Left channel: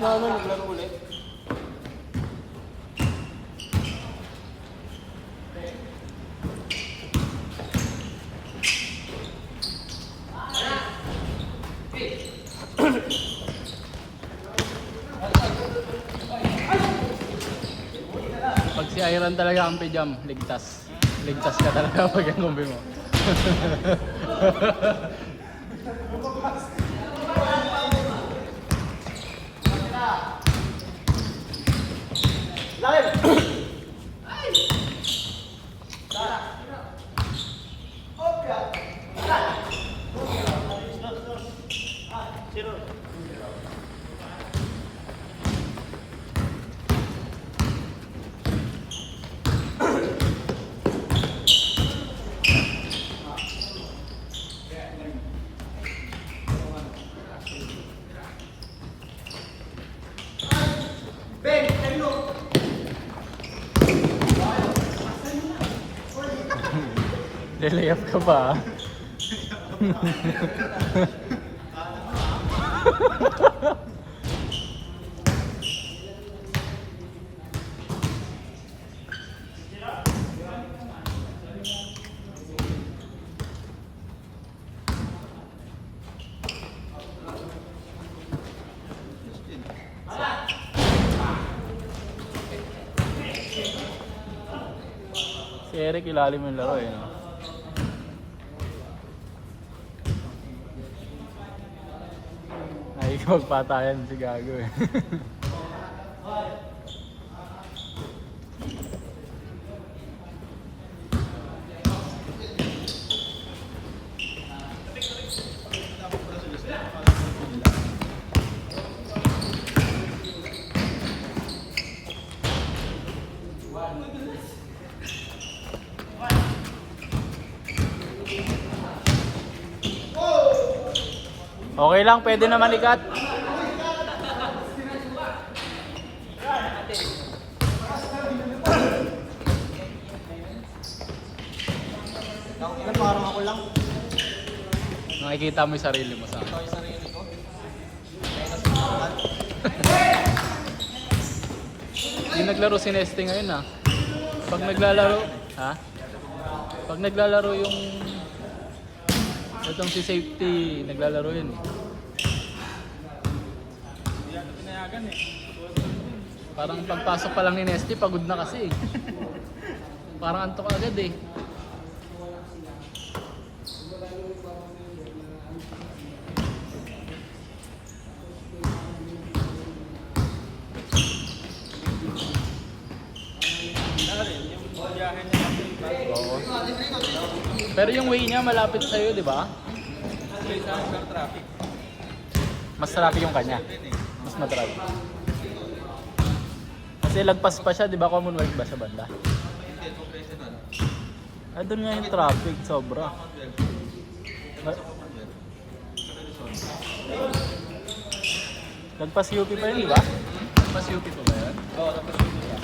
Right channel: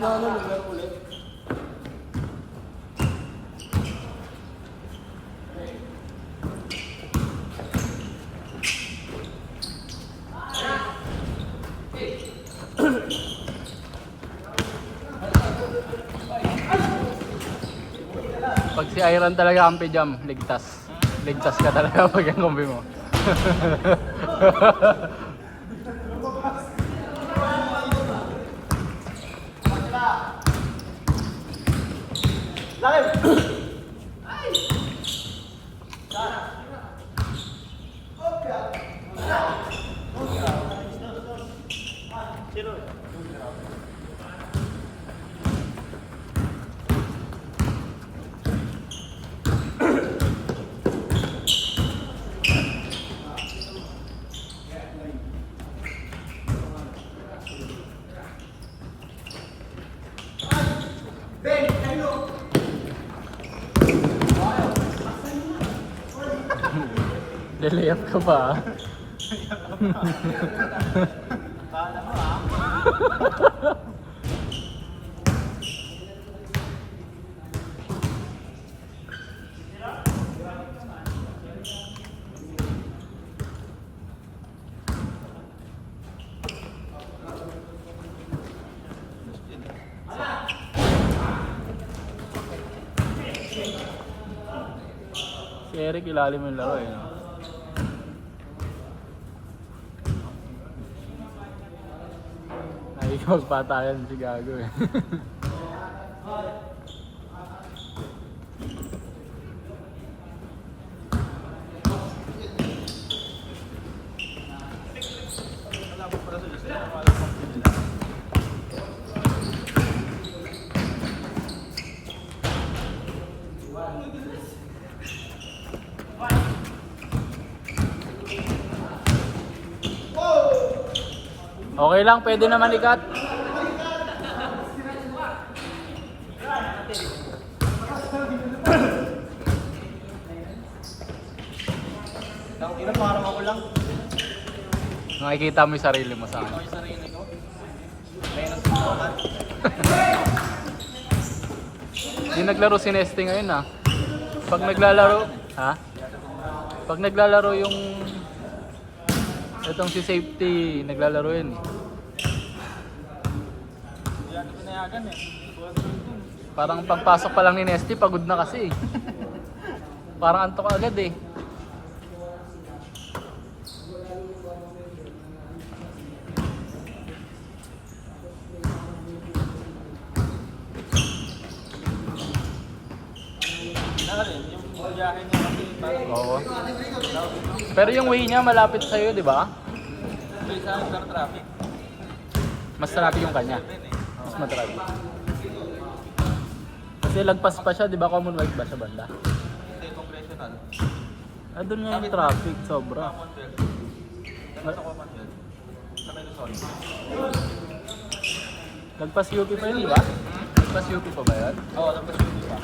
na ano, naglaro ulit. Pag si Iron talaga ang jam, ligtas. Ligtas ka talaga pag ang kombi mo. Delayap ka ba? Si Eric ilalim yung laro eh. Ay, magpatayan si Gago eh. Okay lang, pwede naman ikat. Parang ako lang. Nakikita mo yung sarili mo sa akin. Ito yung sarili ko. Hindi naglaro si Nesting ngayon ah. Pag naglalaro, ha? Pag naglalaro yung itong si Safety, naglalaro yun. Hindi yan pinayagan eh. Parang pagpasok pa lang ni Nesty, pagod na kasi. Parang antok agad eh. Pero yung way niya malapit sa'yo, di ba? Traffic. Mas traffic yung kanya. Mas matraffic. Kasi lagpas pa siya, di ba? Commonwealth ba sa banda? Ah, doon nga yung traffic, sobra. Lagpas UP pa yun, di ba? Lagpas UP pa ba yan? Oo, tapos yun siya.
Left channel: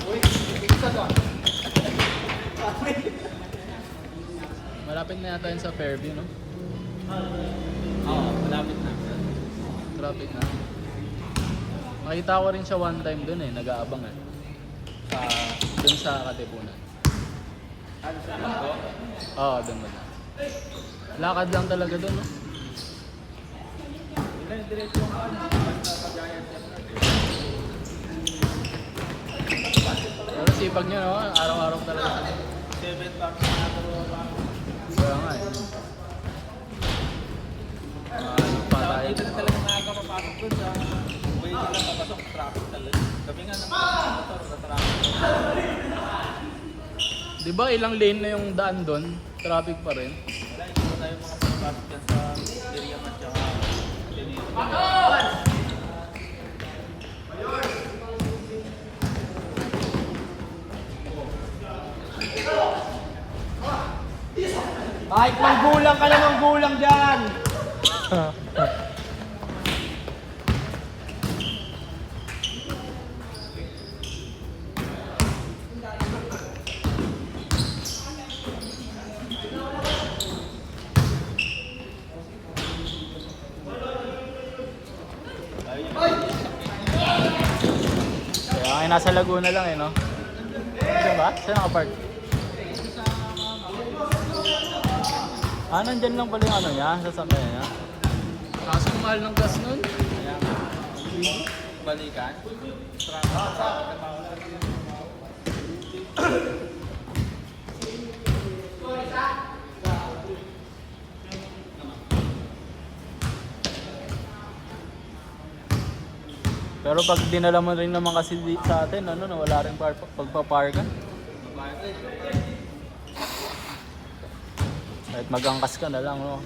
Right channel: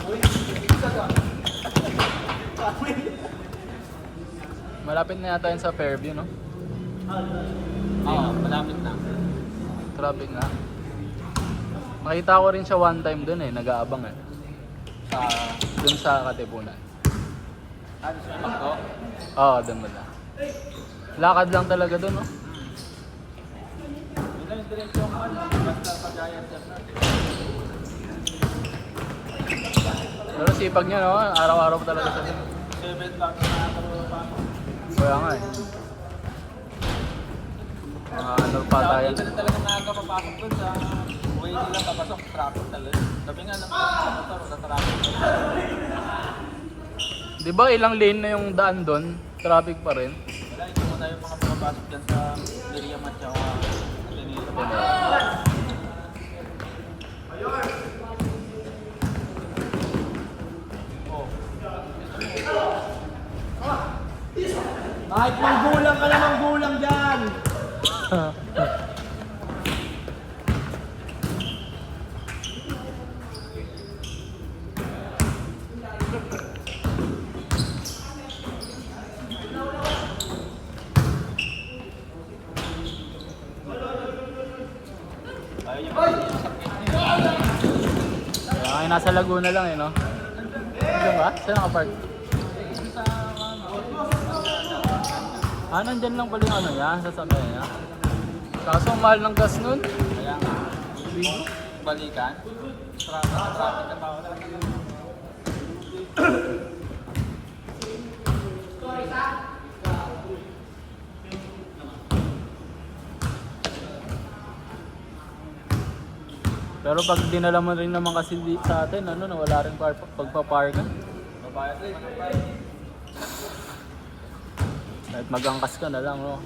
Malapit nga yata yun sa Fairview, no? Oo, malapit na. Traffic na. Nakita ko rin siya one time dun eh, nag-aabang eh. Dun sa Katipunan. Ano siya ko? Oo, dun ba? Lakad lang talaga dun, no? Yun lang yung direksyon ko. Pag-ayan siya. Pero sipag nyo, no? Araw-araw talaga sa 7 lang. kaya nga eh. Ano pa tayo? Ito talaga maaga papasok doon sa way nila papasok, traffic talaga. Sabi nga ng mga motor sa traffic. Di ba ilang lane na yung daan doon? Traffic pa rin. Wala, hindi mo tayo mga papasok dyan sa area at saka Ay, kung gulang ka namang gulang dyan! ayun. nasa Laguna lang eh, no? Diyan ba? Saan ka park? Sa Ah, nandyan lang pala yung ano niya, sasakyan niya. Kaso ang mahal ng gas nun. kaya balikan. Traffic na tao. Pero pag dinala mo rin naman kasi sa atin, ano, wala rin pagpaparkan. Babayad na. Kahit magangkas ka na lang, oh.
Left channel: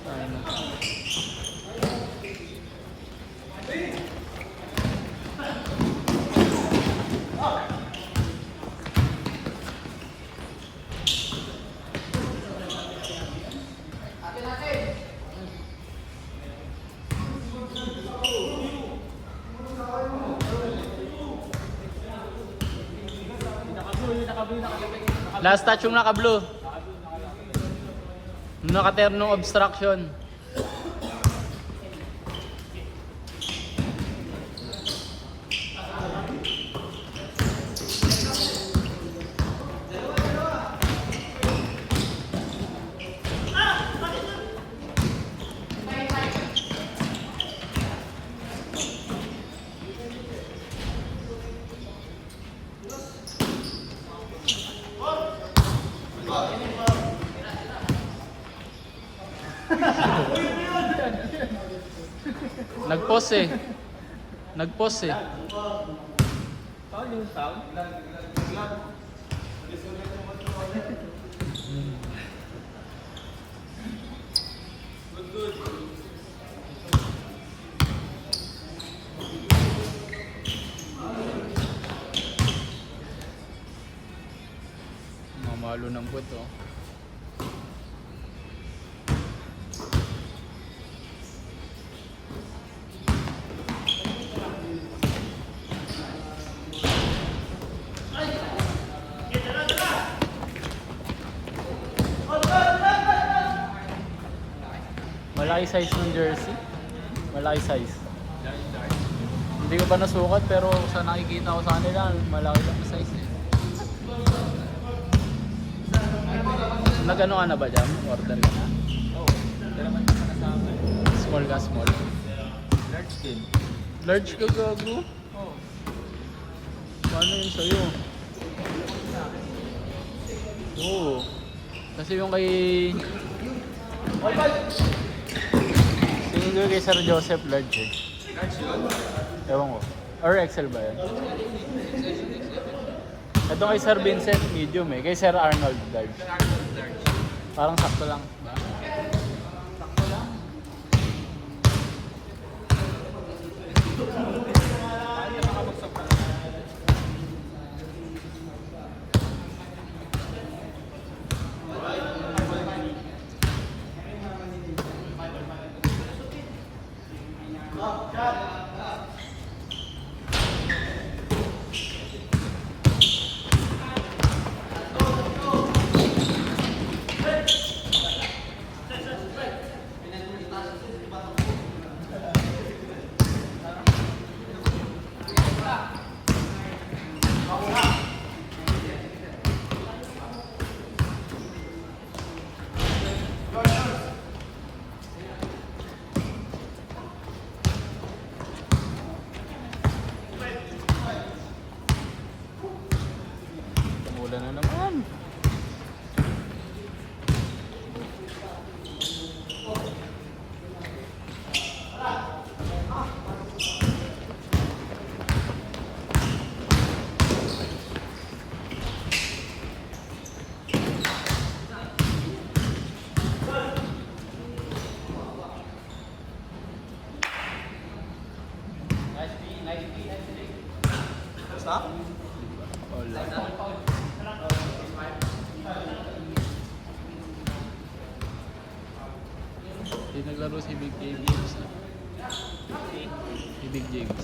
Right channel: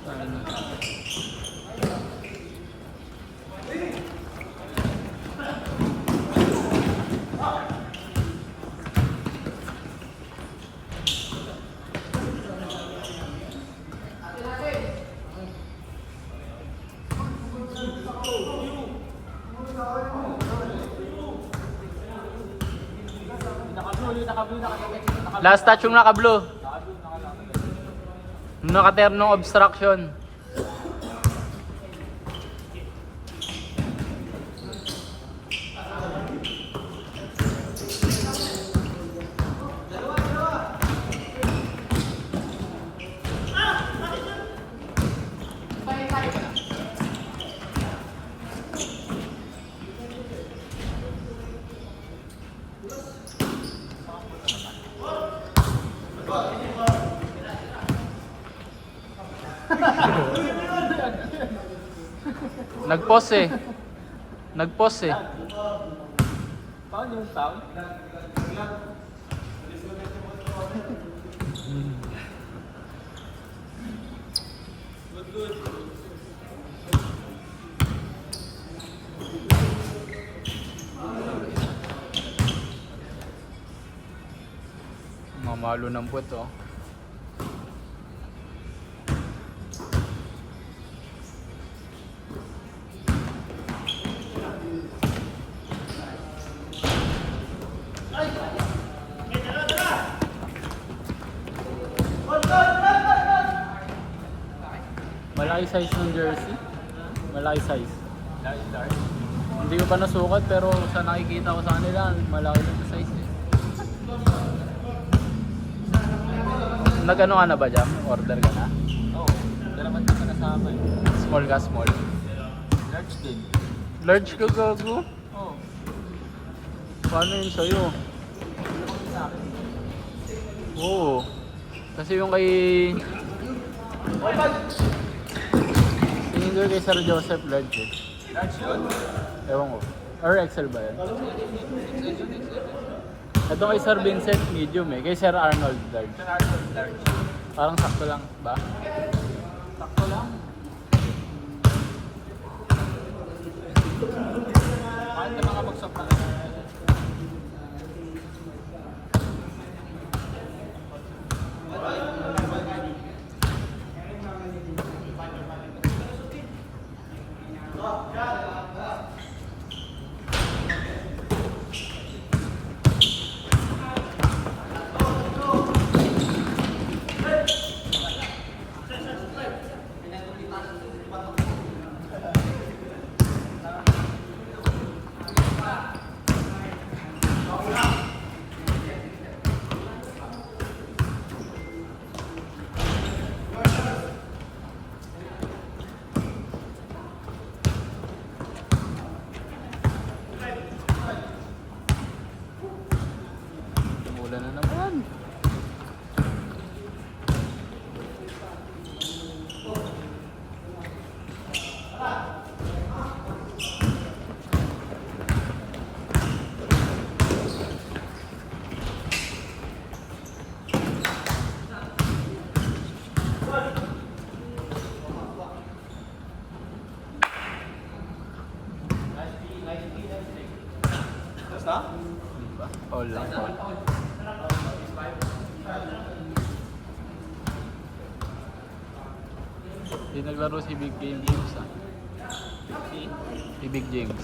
Last touch yung naka-blue. Naka-ternong obstruction. Nag-pause eh. Nag-pause eh. Paano yung sound? Good. Mamalo ng puwet, oh. Malaki size ng jersey. Malaki size. Hindi ko pa nasukat pero sa nakikita ko sa kanila, malaki na size eh. Nag-ano ka na ba dyan? Order ka na? Oo. Dalaman ka na sa akin. Small ka, small. Large din. Large ka gago? Oo. Paano yun sa'yo? Sa akin. Oo. Kasi yung kay... Yung kay Sir Joseph large eh. Large yun? Ewan ko. Or XL ba yan? Ito kay Sir Vincent medium eh. Kay Sir Arnold large. Sa Arnold large. Parang sakto lang ba? Sakto lang. Ano naman buksan pa? Ulan na naman. Basta? All. Hindi naglaro si Big James ha? Si Big James.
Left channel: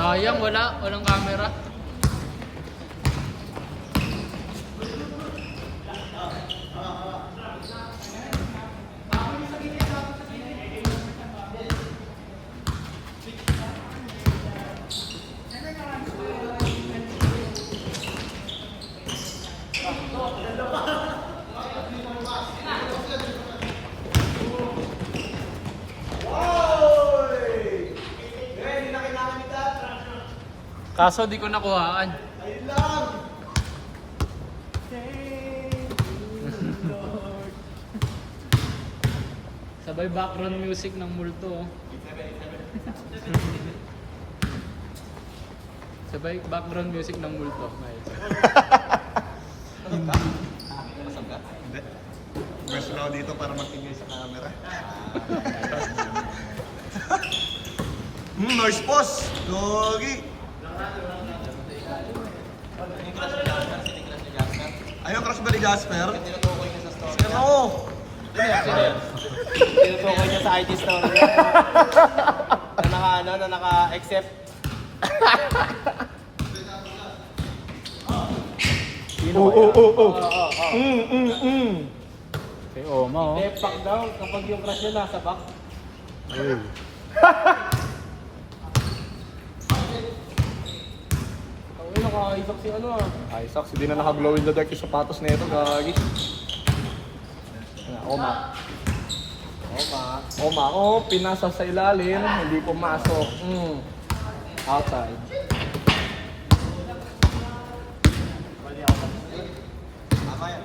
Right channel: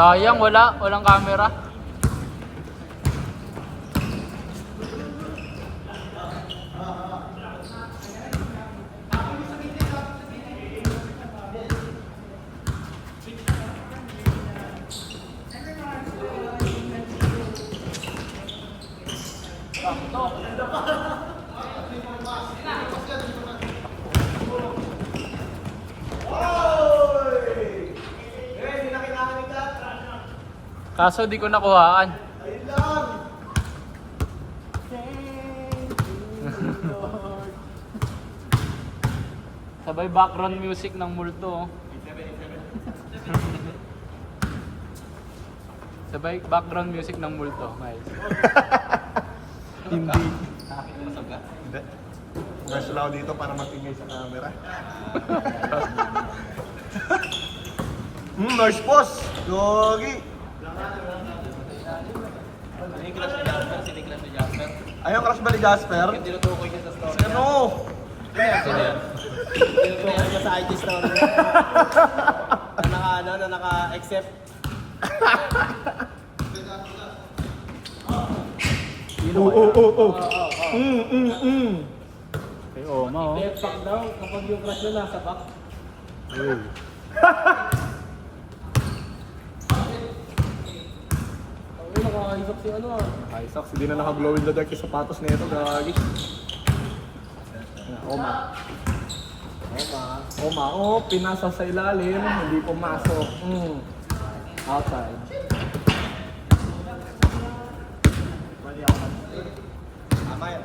Sayang, walang camera. Kaso di ko nakuhaan. Ayun lang. Sabay background music ng multo. Oh. Sabay background music ng multo. Guys. Hindi. Masag ka? Hindi. Pwesto lang ako dito para matingay sa camera. Nice boss! Gogi! Yung crush ni Jasper, city crush ni Jasper. Ayaw crush ba ni Jasper? Yung tinutukoy niya sa story. Ano? Tinutukoy niya sa IG story niya. Na naka-accept. Oo. Okay, oh no. Depak daw kapag yung crush niya nasa back. Ay, nakakaibak si ano. Ay, Sox, hindi na naka-glow in the dark yung sapatos na ito, gagi. Oma. Oh, pinasa sa ilalim, hindi pumasok. Outside. Tama yan.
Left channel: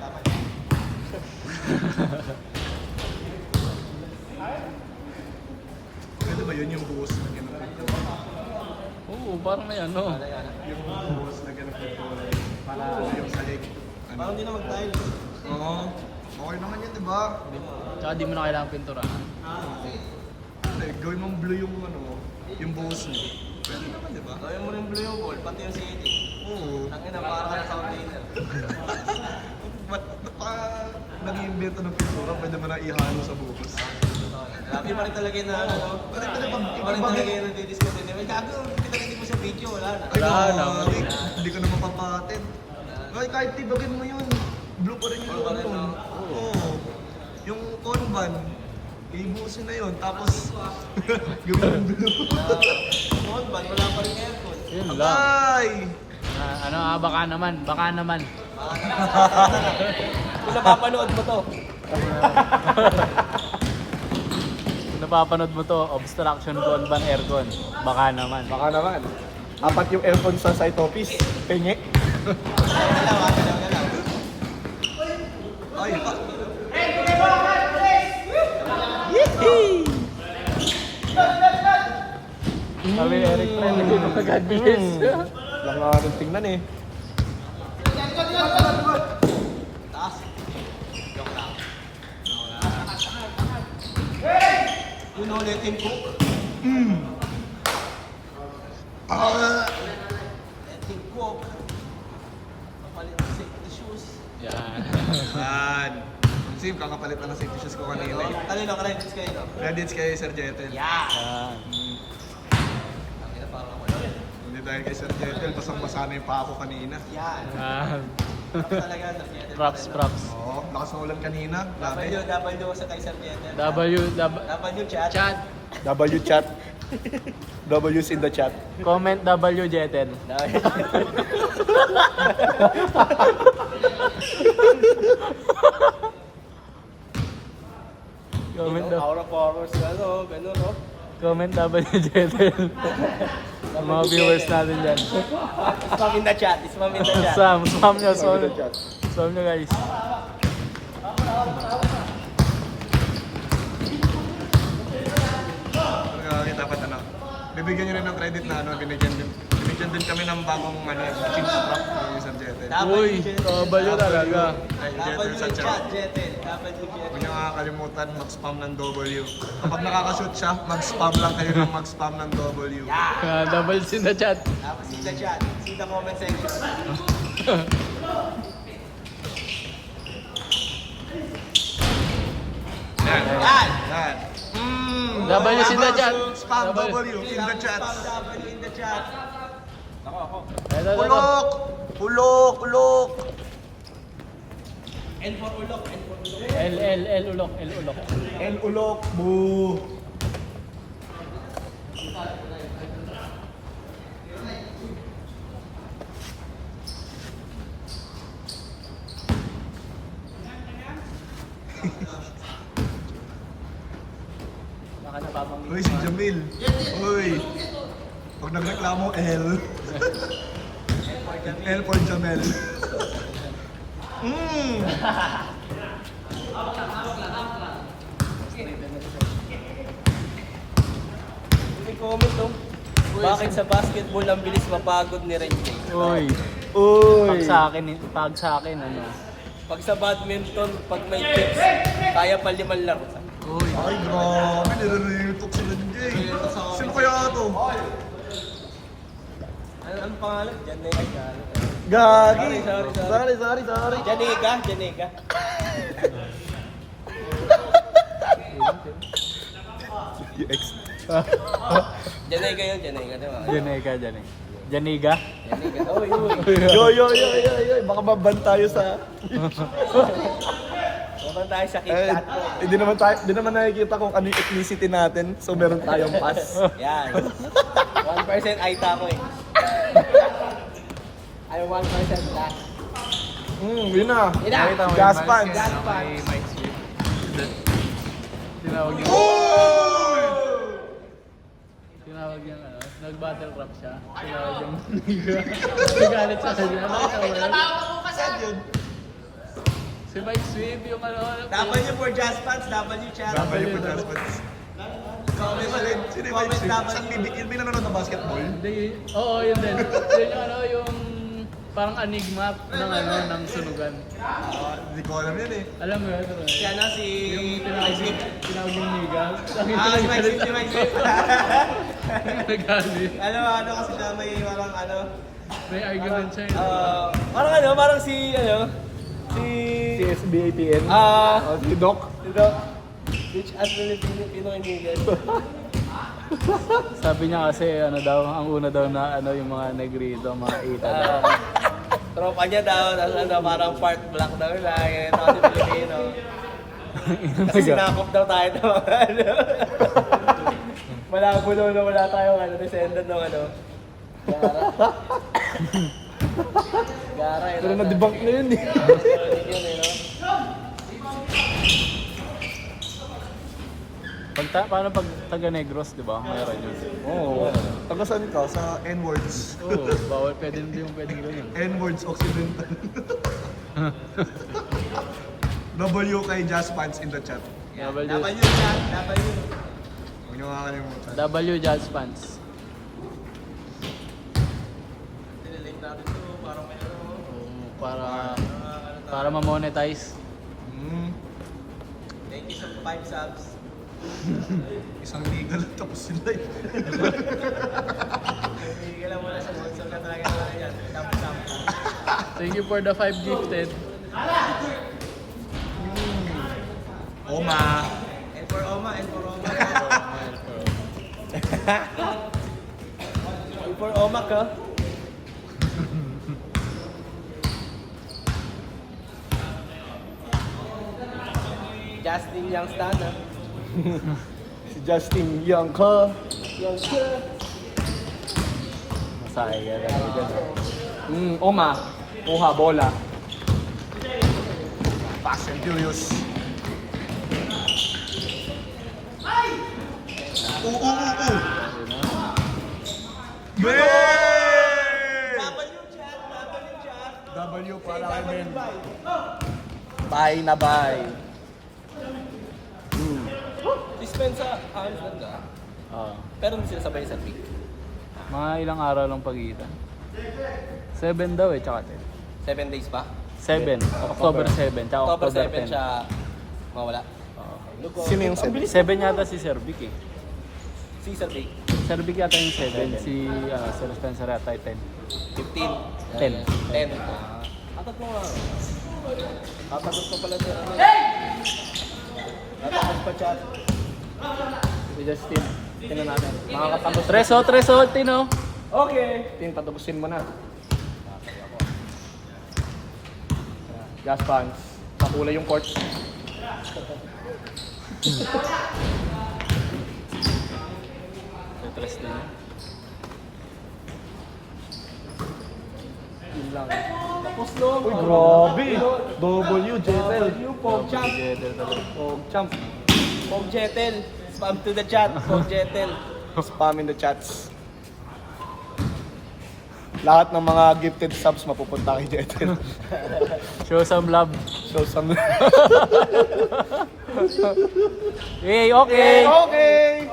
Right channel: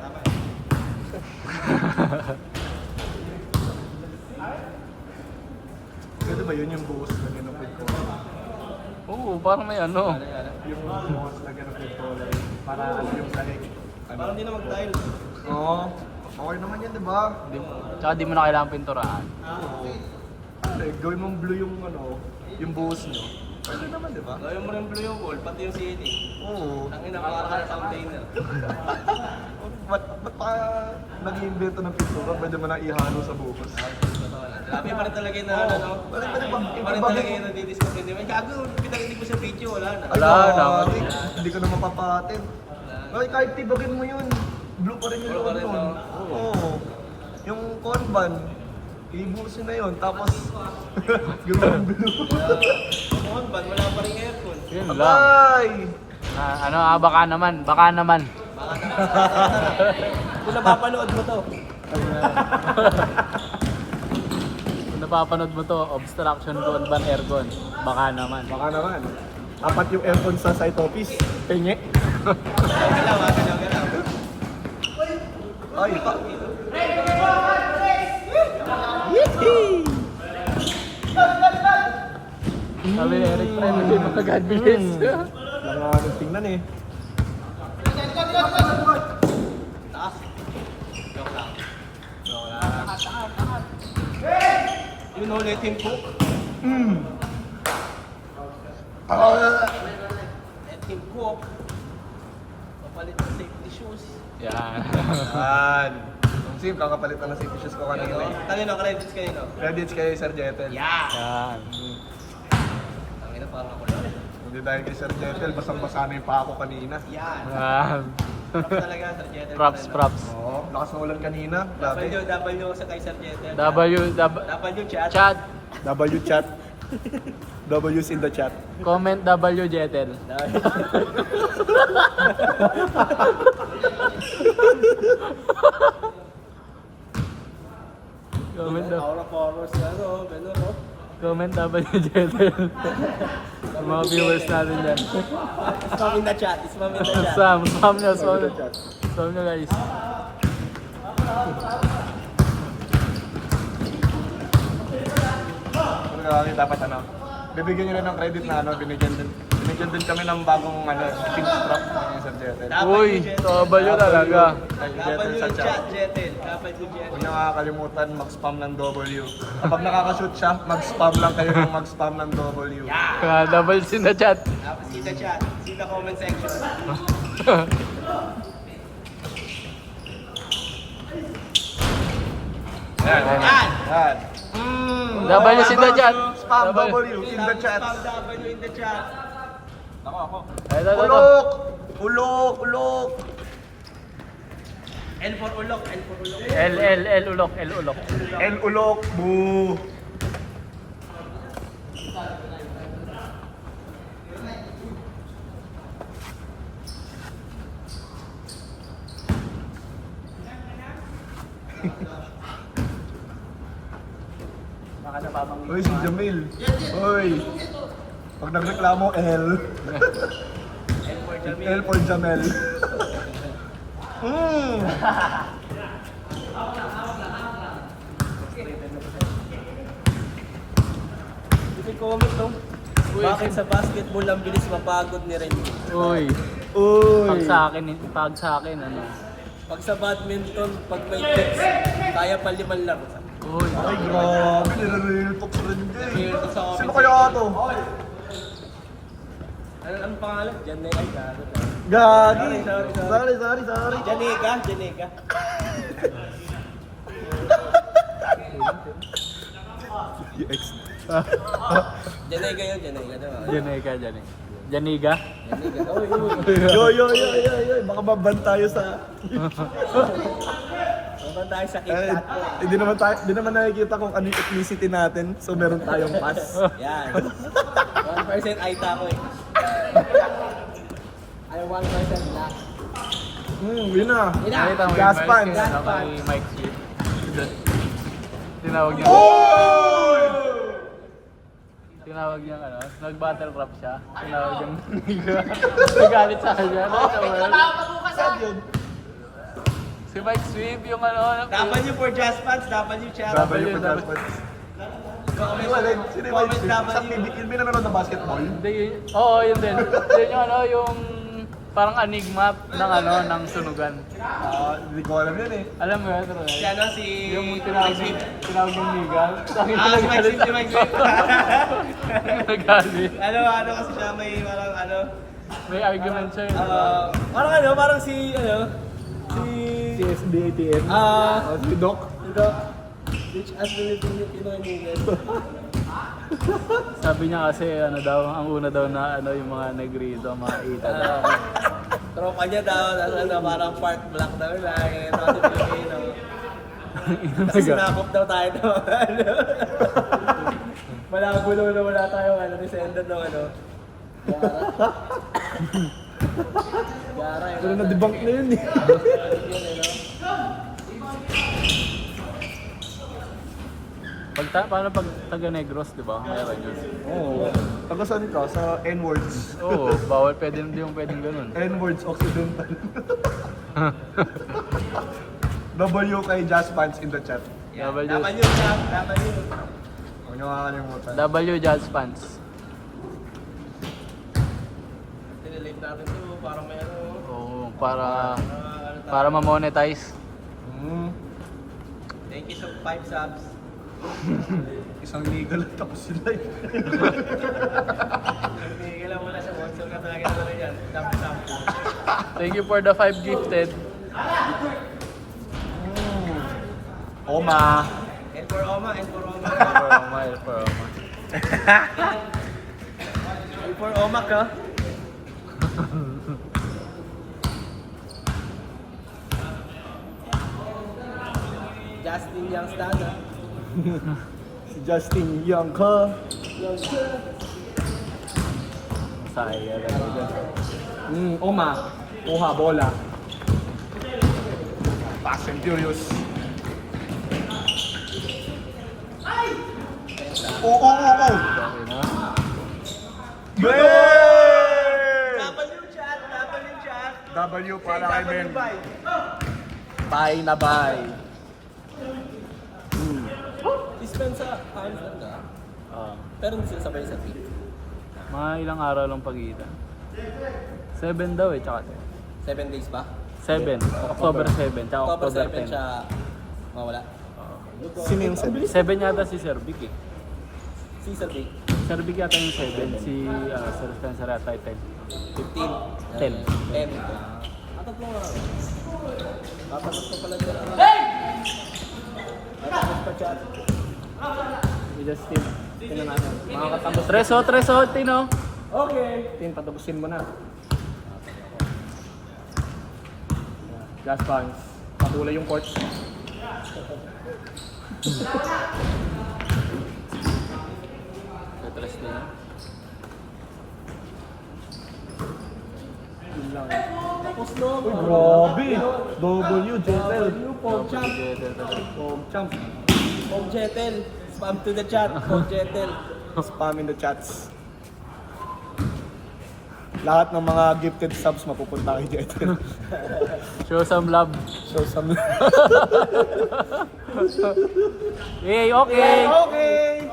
Pwede ba yun yung buhos na ginapit ko? Oo, parang may ano. Yung buhos na ginapit ko, para ano yung sahig. Parang hindi na mag-tile. Oo. Okay naman yan, di ba? Tsaka di mo na kailangan pinturahan. Pare, gawin mong blue yung ano, yung buhos nyo. Pwede naman, di ba? Gawin mo rin blue yung wall, pati yung city. Oo. Tangin na para ka sa container. Ba't pa nag-iimbento ng pintura? Pwede mo na ihalo sa buhos. Grabe pa rin talaga yung ano. Pwede pag Iba rin talaga yung nadi-discover niya. Ay, gago, pinakita mo sa video, wala na. Ay, Wala, gagi. Hindi ko na mapapatin. Ay, kahit tibagin mo yun. Blue pa rin yung Blue pa loob rin, nun. no? Oo. Yung convan, ibusin na yun. Tapos, gawin yung blue. Noon, ban, wala pa rin aircon. Yun lang. Abay! Baka naman. Kung napapanood mo to. Napapanood mo to, obstruction to ban aircon. Baka naman. Baka naman. Apat yung aircon sa site office. Penye. Galaw. Ay, pa. Lang nga rin tingnan eh. Taas. Joke lang. You know, let him cook. Let him cook. Papalit ng safety shoes. Yan. Yan. Ang sim, kakapalit na ng safety shoes ko kanina eh. Kanino, credits kayo no? Credits kay Sir Jetel. Yeah! Yan. Tangin na parang ako. Hindi dahil kay Sir Jetel, basang-basa na yung paa ko kanina. Yan. Yan. Props talaga sa Jeter. Props. Oo, lakas ng ulan kanina. Grabe. W sa kay Sir Jeter. W chat. chat. W chat. W's in the chat. Comment W Jetel. Aura Powers, ano, ganun, no? Comment W Jetel. Mga viewers natin dyan. Spam in the chat. Spam in the chat. Sam nyo, Sam nyo guys. Pero kaya dapat ano, bibigyan nyo rin ng credit na ano, binigyan din kami ng bagong ano, pink prop ni Sir Jetel. Uy, W talaga. Kay Jetel sa chat. Jeter. W Huwag niyo makakalimutan mag-spam ng W. Kapag nakaka-shoot siya, mag-spam lang kayo ng mag-spam ng W. Doubles in the chat. Tapos see the chat. See the comment section. Yan. Yan! Yan. W in the chat. Spam W in the chat. W in the chat. Ako, ako. Ulok! Ulok! Ulok! L for ulok, L for ulok. L ulok. El ulok! Boo! Uy, si Jamil. Uy. Pag nagreklamo, L. L for Jamel. Bakit sa basketball ang bilis mapagod ni Renji? Uy. Uy. Pag sa akin, ano. Pag sa badminton, pag may tips, kaya pa 5 laro. Uy. Ay, grabe. Nire-real talk sa Renjay. Sino kaya to? Anong pangalan? Janega. Gagi. Sorry. Janega. Janega yun, Janega. Diba? Janiga. Janega. Oh, yun. Yo. Baka maban tayo sa... Naman tayo sa Eh, KitKat. hindi naman nakikita kung ano yung ethnicity natin. So meron tayong pass. Yan. 1% Aita ko eh. Ay, 1% black. Yun na. Yun na. Gas pants. Kay Mike Sweet. Tinawag niya. Oy! Tinawag niya ano, nag-battle rap siya. Tinawag niya. Nagalit sa kanya. Saan yun? Si Mike Sweet yung ano. W for Jazz Pants, W chat. W po Jazz Pants. May walid. Sino yung Mike Sweet? Sa PBL, may nanonood ng basketball? Hindi. Oo, yun din. Yung ano, yung parang enigma ng ano, ng sunugan. Hindi ko alam yun eh. Alam mo yun? Si ano, si Mike Sweet. Tinawag yung Nigal. Ah, si Mike Sweet. Nagalit. Ano kasi siya may parang ano. May argument siya. Parang si Si SBATN. Si Doc. Which as Filipino kaibigan. Sabi niya kasi ano daw, ang una daw na ano yung mga negrito, mga Eta. Tropa niya daw, parang part black daw lang. Ito si Filipino. Kasi sinakop daw tayo ng mga ano. Malabo na wala tayong ano, descendant ng ano. Gara. Pero na-debunk na yun eh. Paano pag taga-negros, di ba? Oo. Taga saan ka? Sa N-words. Oo, bawal pwede hindi yung pwedeng ganun. N-words Occidental. W kay Jazz Pants in the chat. W chat, W. Huwag niyo makakalimutan. W Jazz Pants. Pinilate natin to, parang meron. Oo, para ma-monetize. Thank you sa 5 subs. Isang legal at tapos sila eh. Hindi lang muna sa sponsor na talaga yan. Dam. Thank you for the 5 gifted. Oma. And for Oma. And for Oma ka. Justin Young Stan. Si Justin Young ka. Oma. Oha, bola. Fast and Furious. Oo. W chat. W para kay Ben. Bye. Bye na bye. Dispensa. Time on ka. Pero hindi sila sabay sa peak. Mga ilang araw lang pagitan. 7 daw eh, tsaka 7 days pa? 7. October 7, tsaka October October 7 10. siya mawala. Sino yung 7 yata si Sir Vic eh. Season day. Sir Vic yata yung 7, si Sir Spencer yata yung 15. 10. 10. Atat mo. Papagod sa pala nila. Papagod ka chat. Justin. Tingnan natin. Makakapagod. Treso, Tino. Okay. Tin, patapusin mo na. Gas pants. Pakulay yung court. Yun lang. Tapos no. Uy, grabe. W, Jetel. Pog champ. Pog champ. Pog Jetel. Spam to the chat. Pog Jetel. Spam in the chats. Lahat ng mga gifted subs mapupunta kay Jetel. Show some love. So, some... Hey, okay. Okay!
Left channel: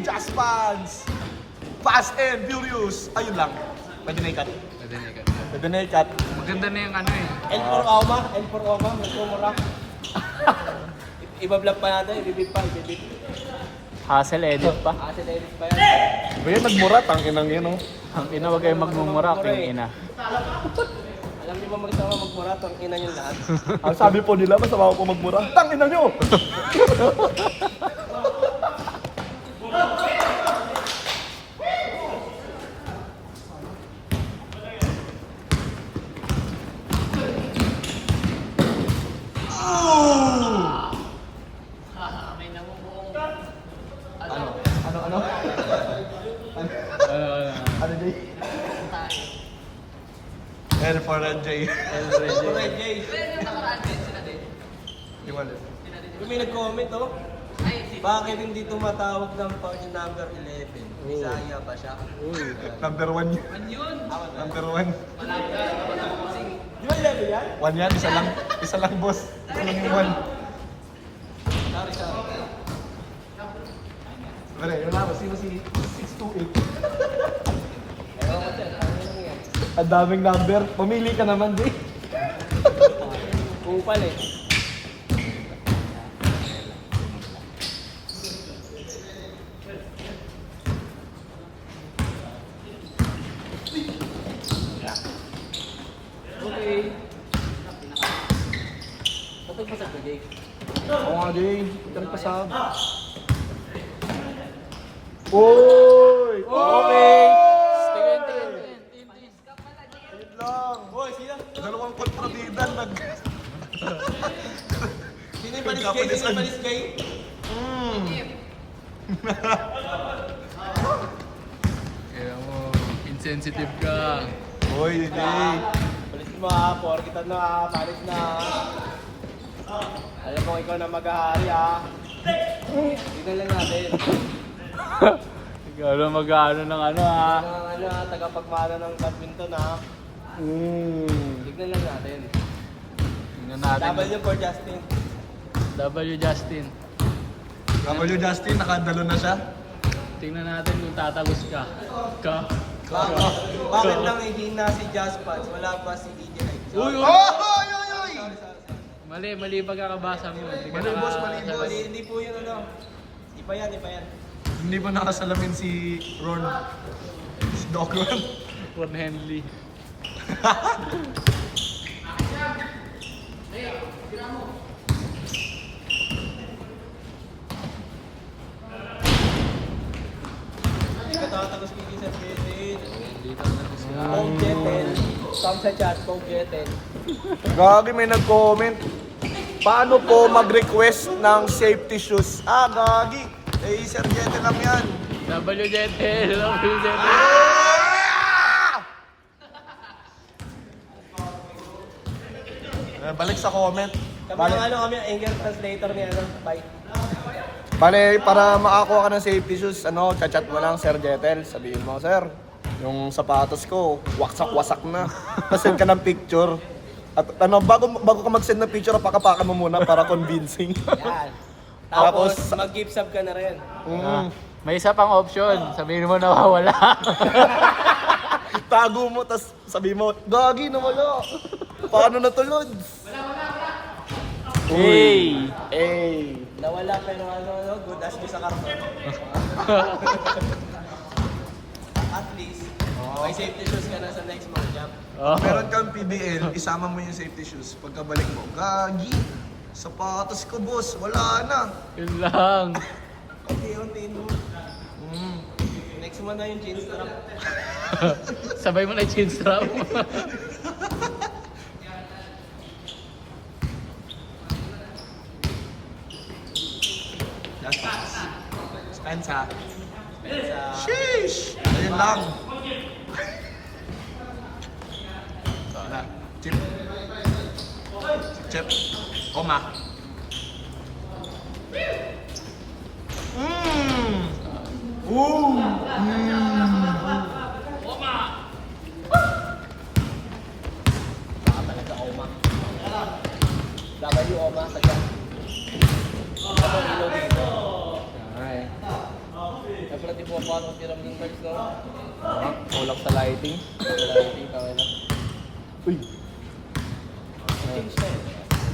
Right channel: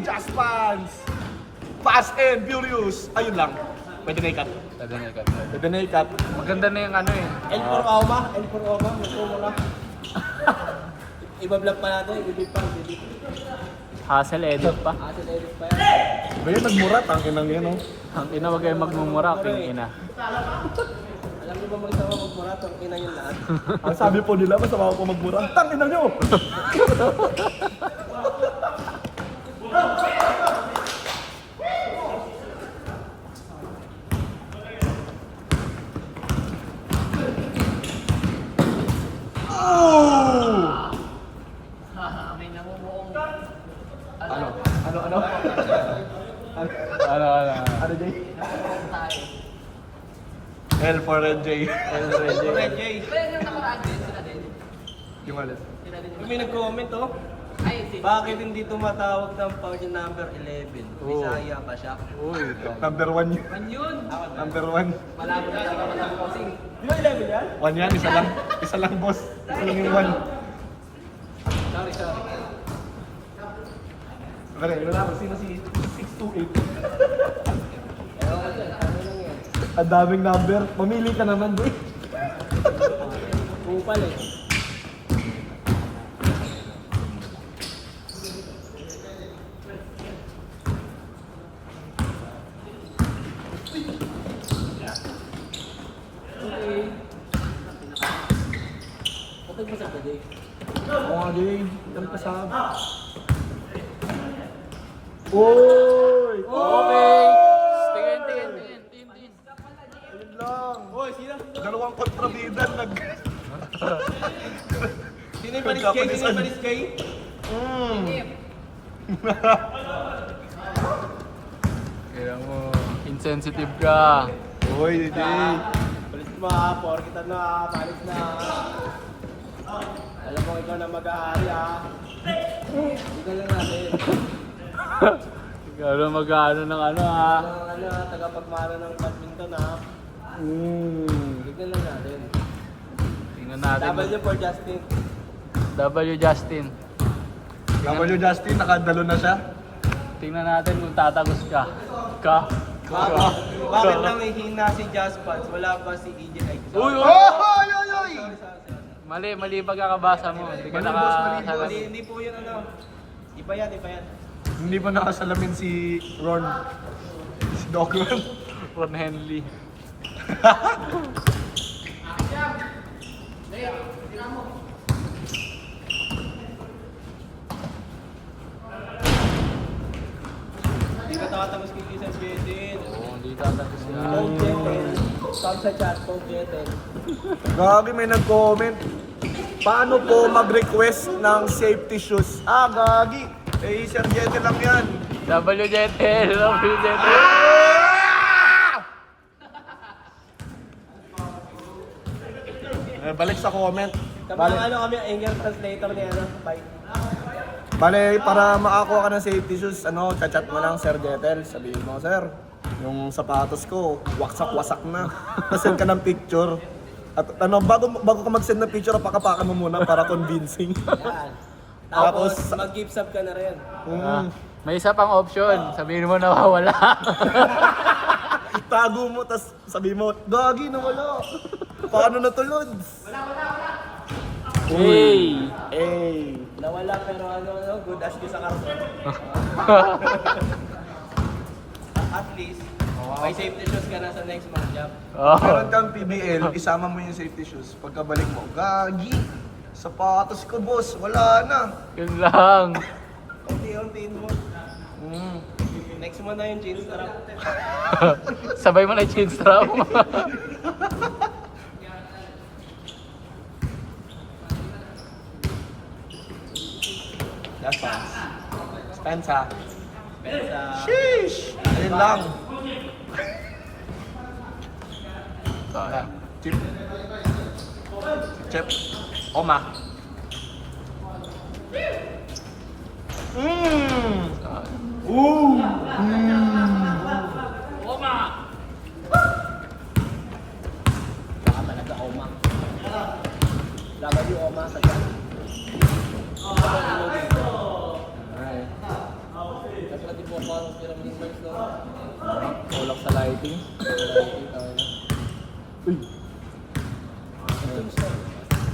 Just fans! Fast and Furious! Ayun lang. Pwede na ikat. Pwede na ikat. Maganda na yung ano eh. L for Oma. Magkumura. Iba-vlog pa natin. Ibibig pa. Hassle edit pa. Atin edit pa yan. Ngayon nagmura, tanginang yun, oh. Ang ina, huwag kayong magmumura. Ina. Alam niyo ba magsawa magmura? Pang ina yung lahat. Ang sabi po nila, masama ko magmura. Tanginang nyo! May namumuong. Ano? Ano, Jay? L for Red J. Red Jay. Yung alis. Kung may nag-comment oh. Bakit hindi tumatawag ng pangin number 11? Bisaya ba siya? Number 1 yun. Yun! Number 1. Malabo na naman ang bossing. Di ba 11 yan? 1 yan, isa lang. Isa lang, boss. Isa lang yung 1. Sorry. Pare, wala ko. Sino si 628? Ang daming number. Mamili ka naman, Jay. Kupal eh. Okay. Patag mo sa Jay. Oo nga, Jay. Ang pasama. Oy! Okay. Boy, sino? Dalawang kontrabidan nag... Sino yung paliskay? Sino yung paliskay? Kaya mo, insensitive ka. Oy, Jay. Palis mo ha, kita na ha, palis na ha. Alam mo ikaw na mag-ahari ha. Tignan lang natin. Ikaw na mag-ano ng ano ha. Ano ha, tagapagmana ng badminton ha. Tignan lang natin. Tingnan natin. W for Justin. W Justin. W Justin, nakadalo na siya. Tingnan natin kung tatagos ka. Bakit nang ihina si Jaspats? Wala pa si EJ. Uy! Oy! Oy! Oy! Mali pagkakabasa mo. Mali, boss, mali, boss. Hindi po yun ano. Iba yan. Hindi pa nakasalamin si Ron. Si Doc Ron. Ron Henley. Hindi ka tatagos kay Isang Betin. Hindi tatagos ka. Pong Jetel. Saan sa chat, Pong Jetel. Gagi, may nag-comment. Paano po mag-request ng safety shoes? Gagi. Eh, Sir Jete lang yan. W Jetel. Balik sa comment. Kapag kami, English translator ni ano, bye. Bale, para makakuha ka ng safety shoes, chat mo lang Sir Jetel. Sabihin mo, Sir, yung sapatos ko, waksak-wasak na. Pasend ka ng picture. At bago ka mag-send ng picture, pakapakan mo muna para convincing. Yan. Tapos, Tapos, mag-give sub ka na rin. May isa pang option. Sabihin mo na wala. Tago mo, tas sabihin mo, gagi na wala. Paano natulod? Hey! Hey! Nawala pero good as ko sa karton. At least, may safety shoes ka na sa next month job. Oh. Meron kang PBL, isama mo yung safety shoes. Pagkabalik mo, gagi. Sapatos ko, boss. Wala na. Yun lang. Unti-untiin mo. Mm. Next mo na yung jeans na. Sabay mo na yung jeans raw. Last pass. Spensa. Sa... Sheesh! Ayun lang. Wala. Chip. Chip. Oma. Mmm. Ooh. Dapat yung oma sa dyan. Okay. Siyempre di po paano tiram yung cards ko. Tulak sa lighting. Lighting tayo na. Uy. Change na eh.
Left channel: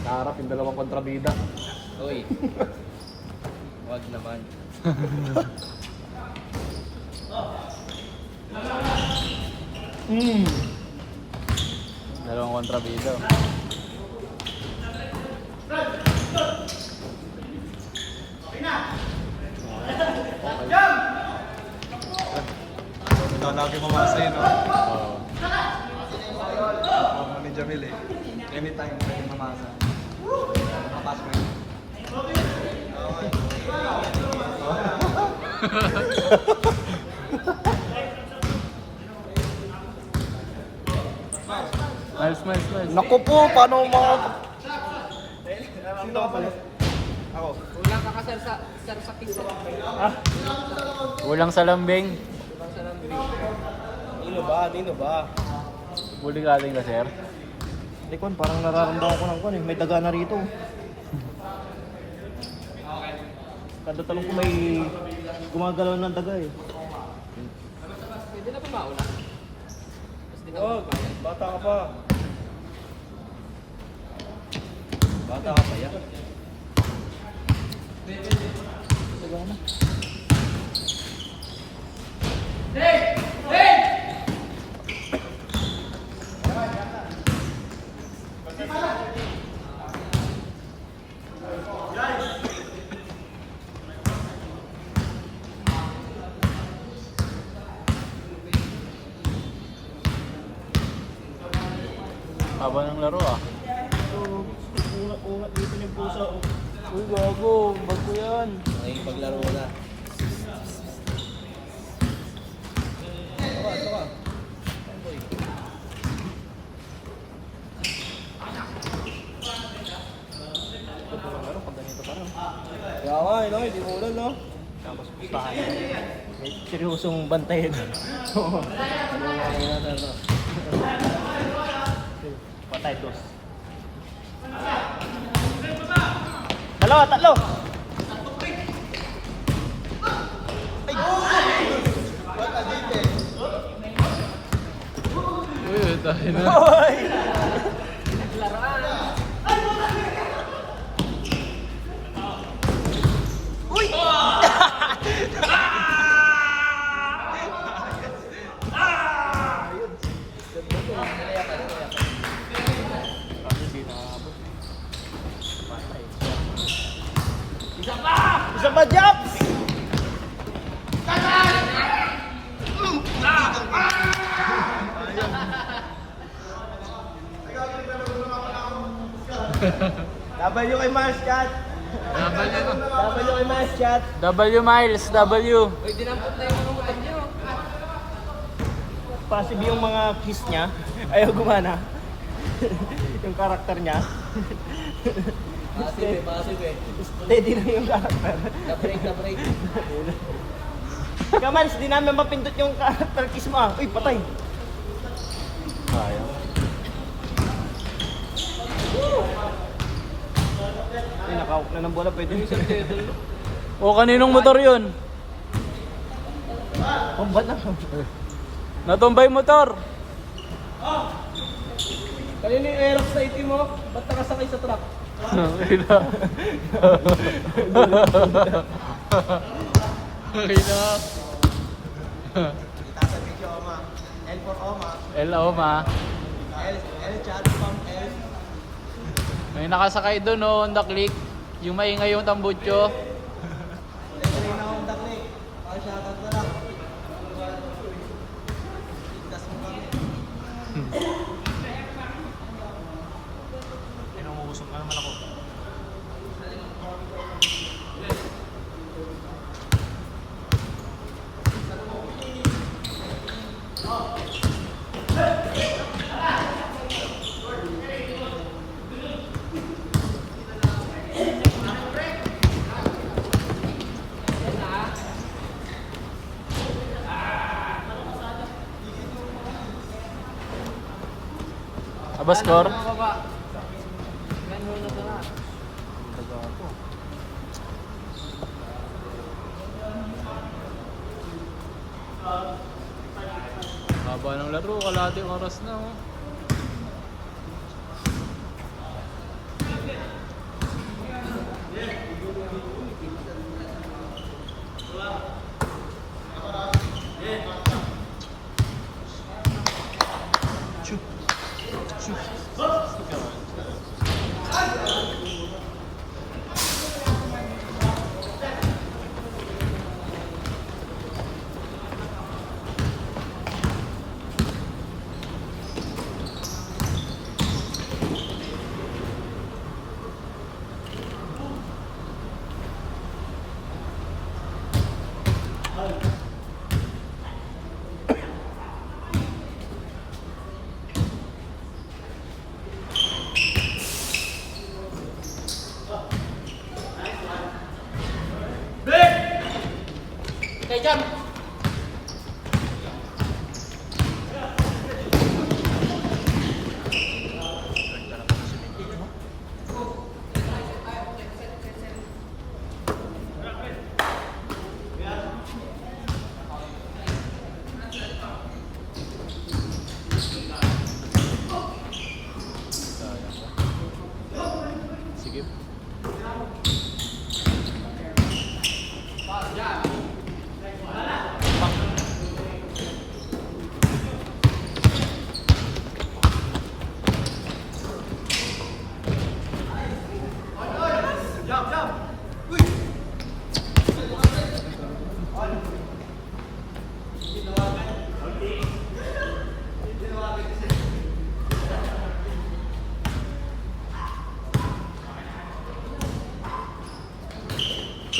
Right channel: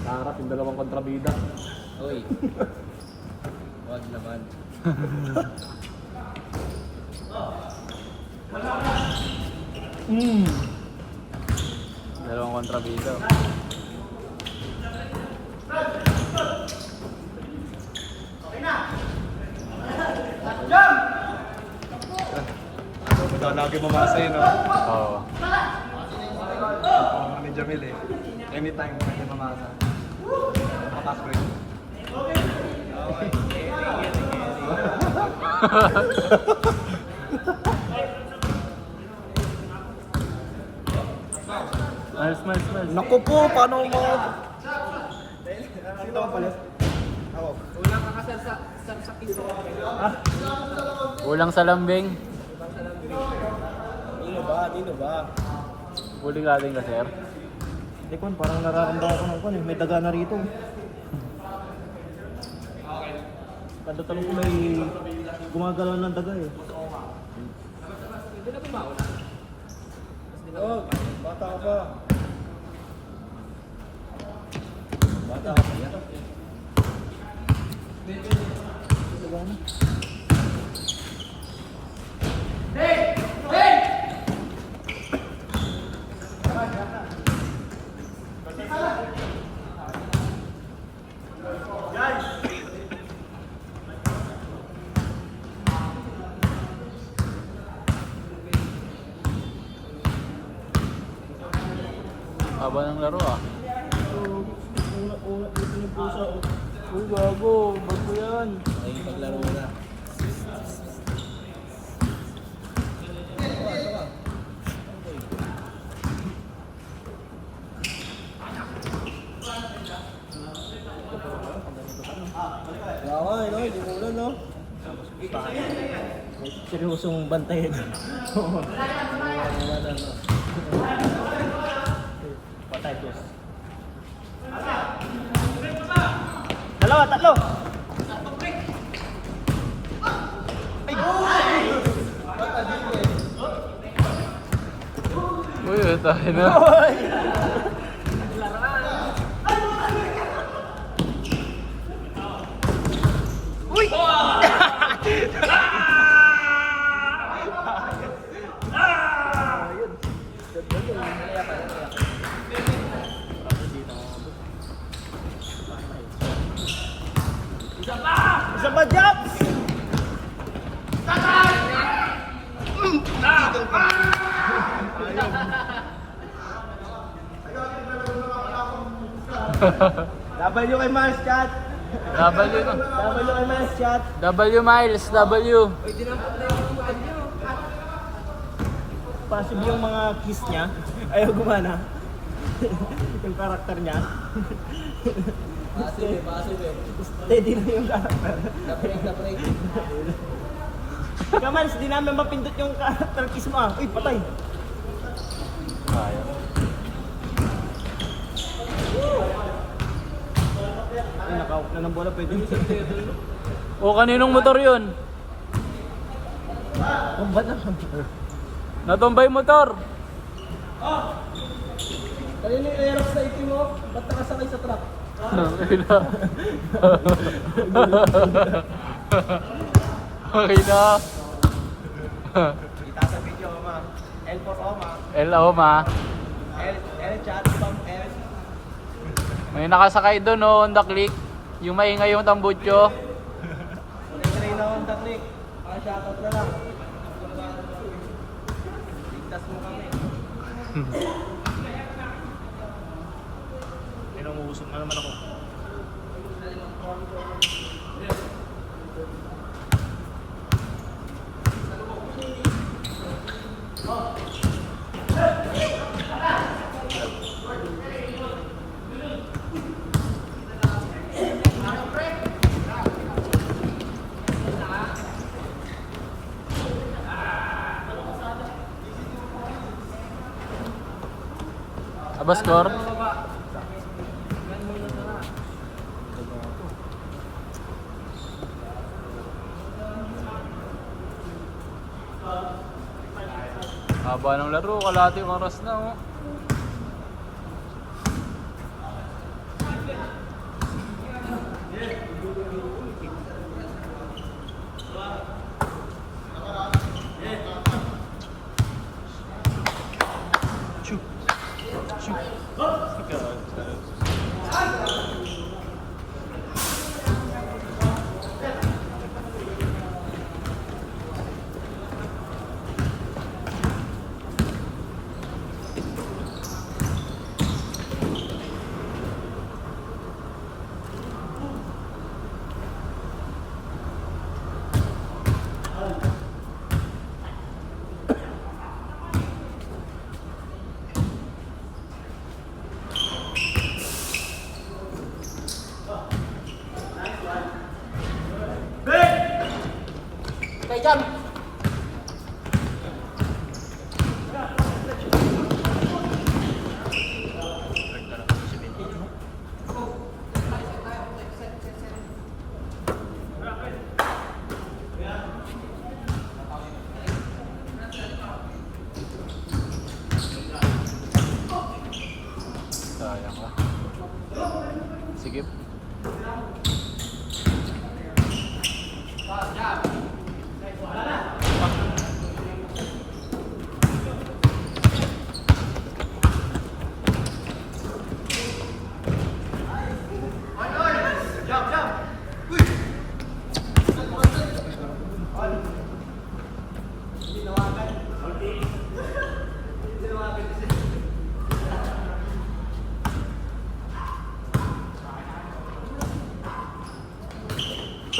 Naharap yung dalawang kontrabida. Uy. Wag naman. Mmm. Dalawang kontrabida. Ito lagi mamasa yun, no? Oo. Forma ni Jamil eh. Anytime pwede mamasa. Password. Nice, nice, nice. Naku po, paano mga... Sino ka pala? Ako. Kulang sa lambing. Nino ba? Nino ba? Huling ating ka, sir. Hindi ko, parang nararamdaman ko ng may daga na rito. Kada talong ko may gumagalaw ng daga eh. Wag. Bata ka pa. Bata ka pa yan. Haba ng laro ah. Una dito yung pusa. Uy, gago. Bago yan. Ay, paglaro na. Kaya nga, no? Hindi mo ulan, no? May seryosong bantayan. Patay, dos. Dalawa, tatlo! Uy, tayo na. Isa pa, Japs! W kay Miles Chat! W na. W kay Miles Chat! W Miles, W. Uy, dinampot na yung mga nyo. Possible yung mga kiss niya. Ayaw gumana. Yung karakter niya. Passive eh. Steady na yung karakter. Na-break. Kamans, di namin mapindot yung karakter kiss mo ah. Uy, patay. Ay, nakawak na ng bola. Pwede yung O, kaninong motor yun? Oh, ba't na? Natumbay motor. Kanino yung Aerox sa itim mo? Ba't nakasakay sa truck? Okay na. Kita sa video, Oma. L for Oma. Hello, ma. L chat from L. May nakasakay doon, no, on the click. Yung maingay yung tambutso. Tuloy na akong taklik. Shoutout na lang. Ligtas mo kami. Pinanguusok na naman ako. Aba, score? Haba ng laro, kalahating oras na, oh. Okay, jump! Sige.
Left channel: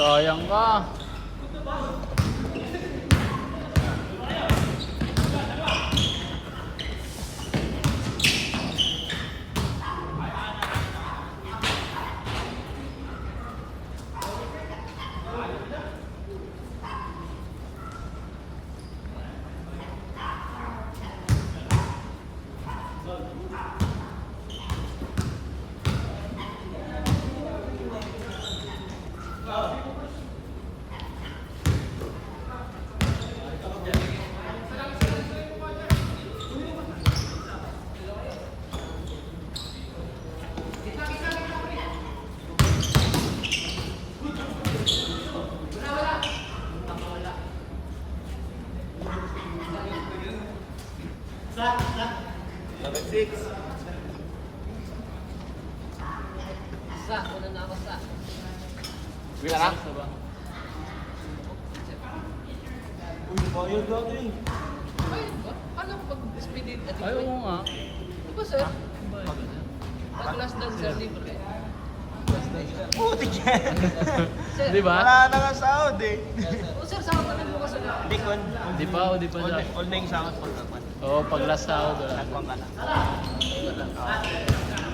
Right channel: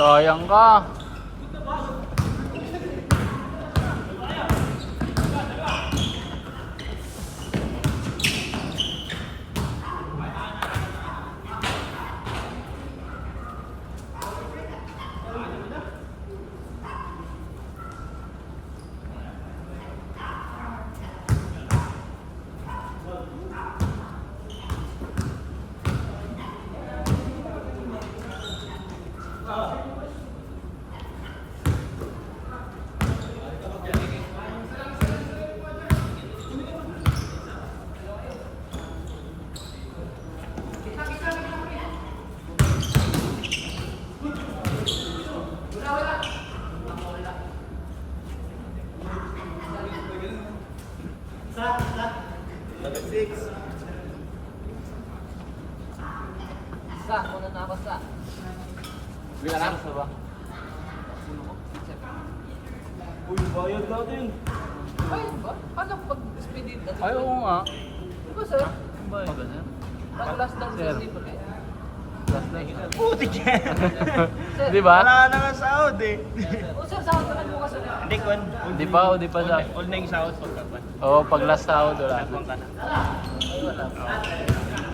Sayang ka. Bila na? Uy, bayad natin. Ay, ba? Paano pag speeding ka? Ay, oo nga. Di ba, sir? Pag last dance sa libre. Putik yan. Di ba? Wala na nga sahod eh. O sir, saan ka mo kasi? Hindi kon. Di pa, o di pa da. Online sahod pagkakuan. Oo, pag last sahod, wala. Kuwan ka na.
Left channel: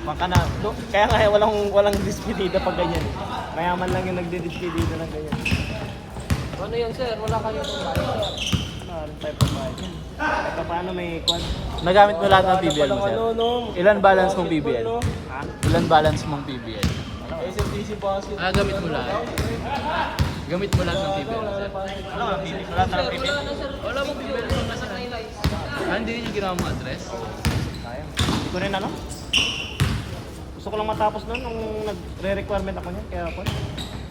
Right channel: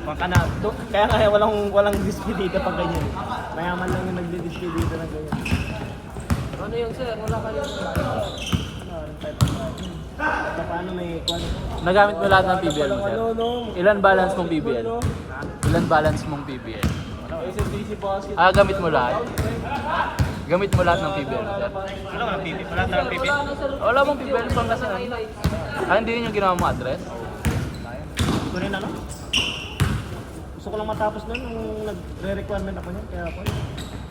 Kuwan ka na. Kaya kaya walang dispedida pag ganyan eh. Mayaman lang yung nagdi-dispedida ng ganyan. Ano yan, sir? Wala kayo. Maraming type of margin. Saka paano may kuwan? Nagamit mo lahat ng PBL mo, sir? No. Ilan balance mong PBL? Ilan balance mong PBL? SMDC policy. Ah, gamit mo lahat? Gamit mo lahat ng PBL, sir? Ano ba, pipi? Wala tayong pipi? Wala na, sir. Wala mong PBL pag nasa na. Ah, hindi yun yung ginawa mo address? Hindi ko rin ano? Gusto ko lang matapos nun nung nagre-requirement ako nun. Kaya ako.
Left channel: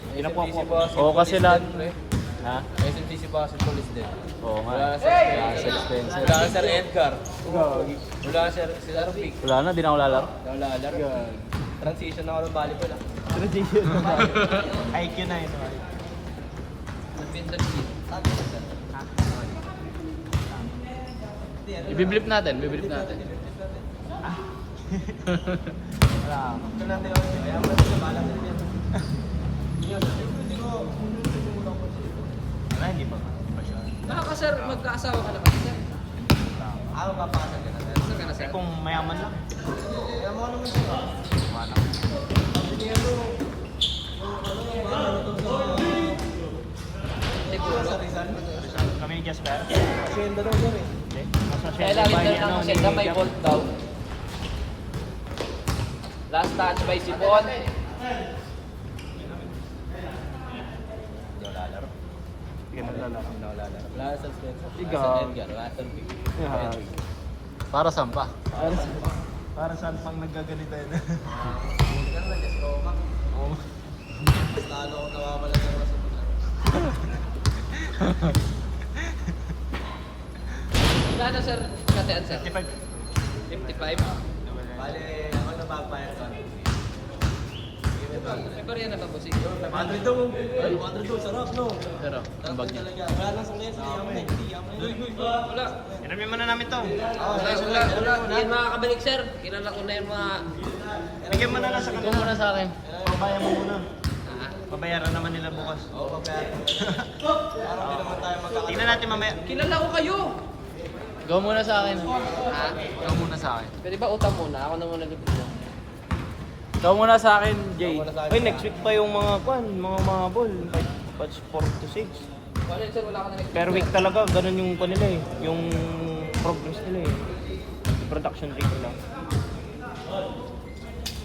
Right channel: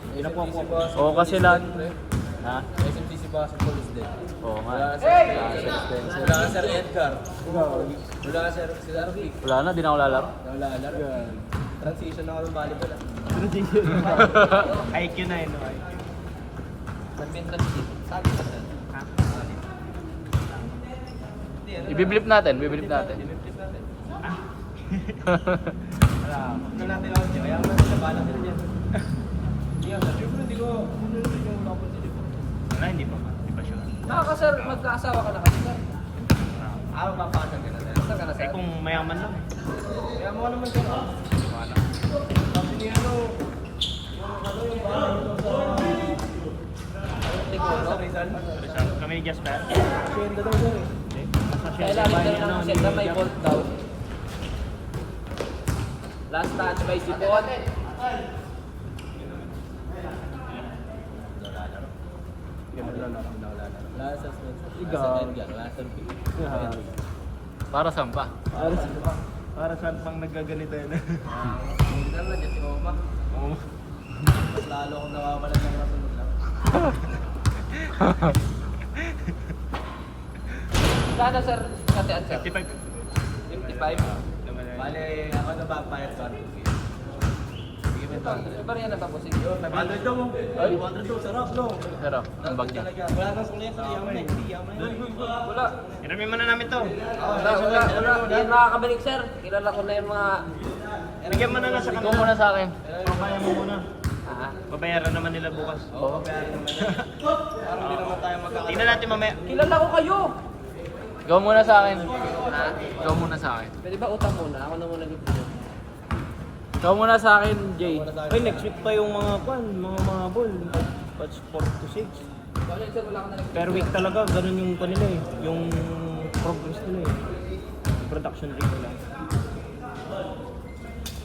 Hindi na po ako. Oo, kasi lahat. Ha? SMTC ba sa police din? Wala ka sa Wala ka Sir Edgar. Wala ka Sir Arvic. Wala na, di na ako lalaro. Wala. Transition na ako ng volleyball. Transition. IQ na yun. Badminton team. Sabi ko sir. Ibiblip natin, biblip natin. Wala natin ako siya. Kaya naman sa balat din yan. Hindi ko. Wala, hindi pa. Nakaka-sir, magkaasawa ka na kasi sir. Ako papasok ka na. Saan ka na sir? Kung mayaman lang. Kaya mo naman siya. Wala. Sabi niya sa Rizal. Kami ni Jasper. Kasi yung dalawa doon eh. Kailangan din ng sila may bolt daw. Last touch by Sipon. Wala sa Spencer. Ikaw. Sa Edgar. Wala sa Edgar. Para saan pa? Para saan pang nagaganito yun? Hindi ka naman, just Roma. Mas lalo kong nawawalan ng rason maglaro. Kada sir, katean sir. 55. 55. Bale, ako na backfire doon. Sige, may back. Iba rin na tapos. 500 daw. 500 daw, sarap no? Sarap, ang bag niya. Talaga. Wala na sa net. Hindi yaman. Wala. Inamin mo na namin to. Wala. Hindi makakabalik sir. Kilala ko na yung mga... Bigyan mo na lang sa Ito kanila. muna sa akin. Pabayan mo muna. Ah. Babayaran naman nila bukas. Oo, pabayaran mo na. Parang hindi naman tayo magkakaroon. Tingnan natin mamaya. Kilala ko kayo. Ikaw muna sa akin. Ha? Ikaw muna sa akin. Pwede ba utang muna? Ako na muna dito. Ikaw muna sa akin, Jay. Ay, next week pa yung mga ball. Batch 4 to 6. Wala sir, wala ka na Per week talaga, ganun yung kanila eh. Yung progress nila eh. Production rate nila.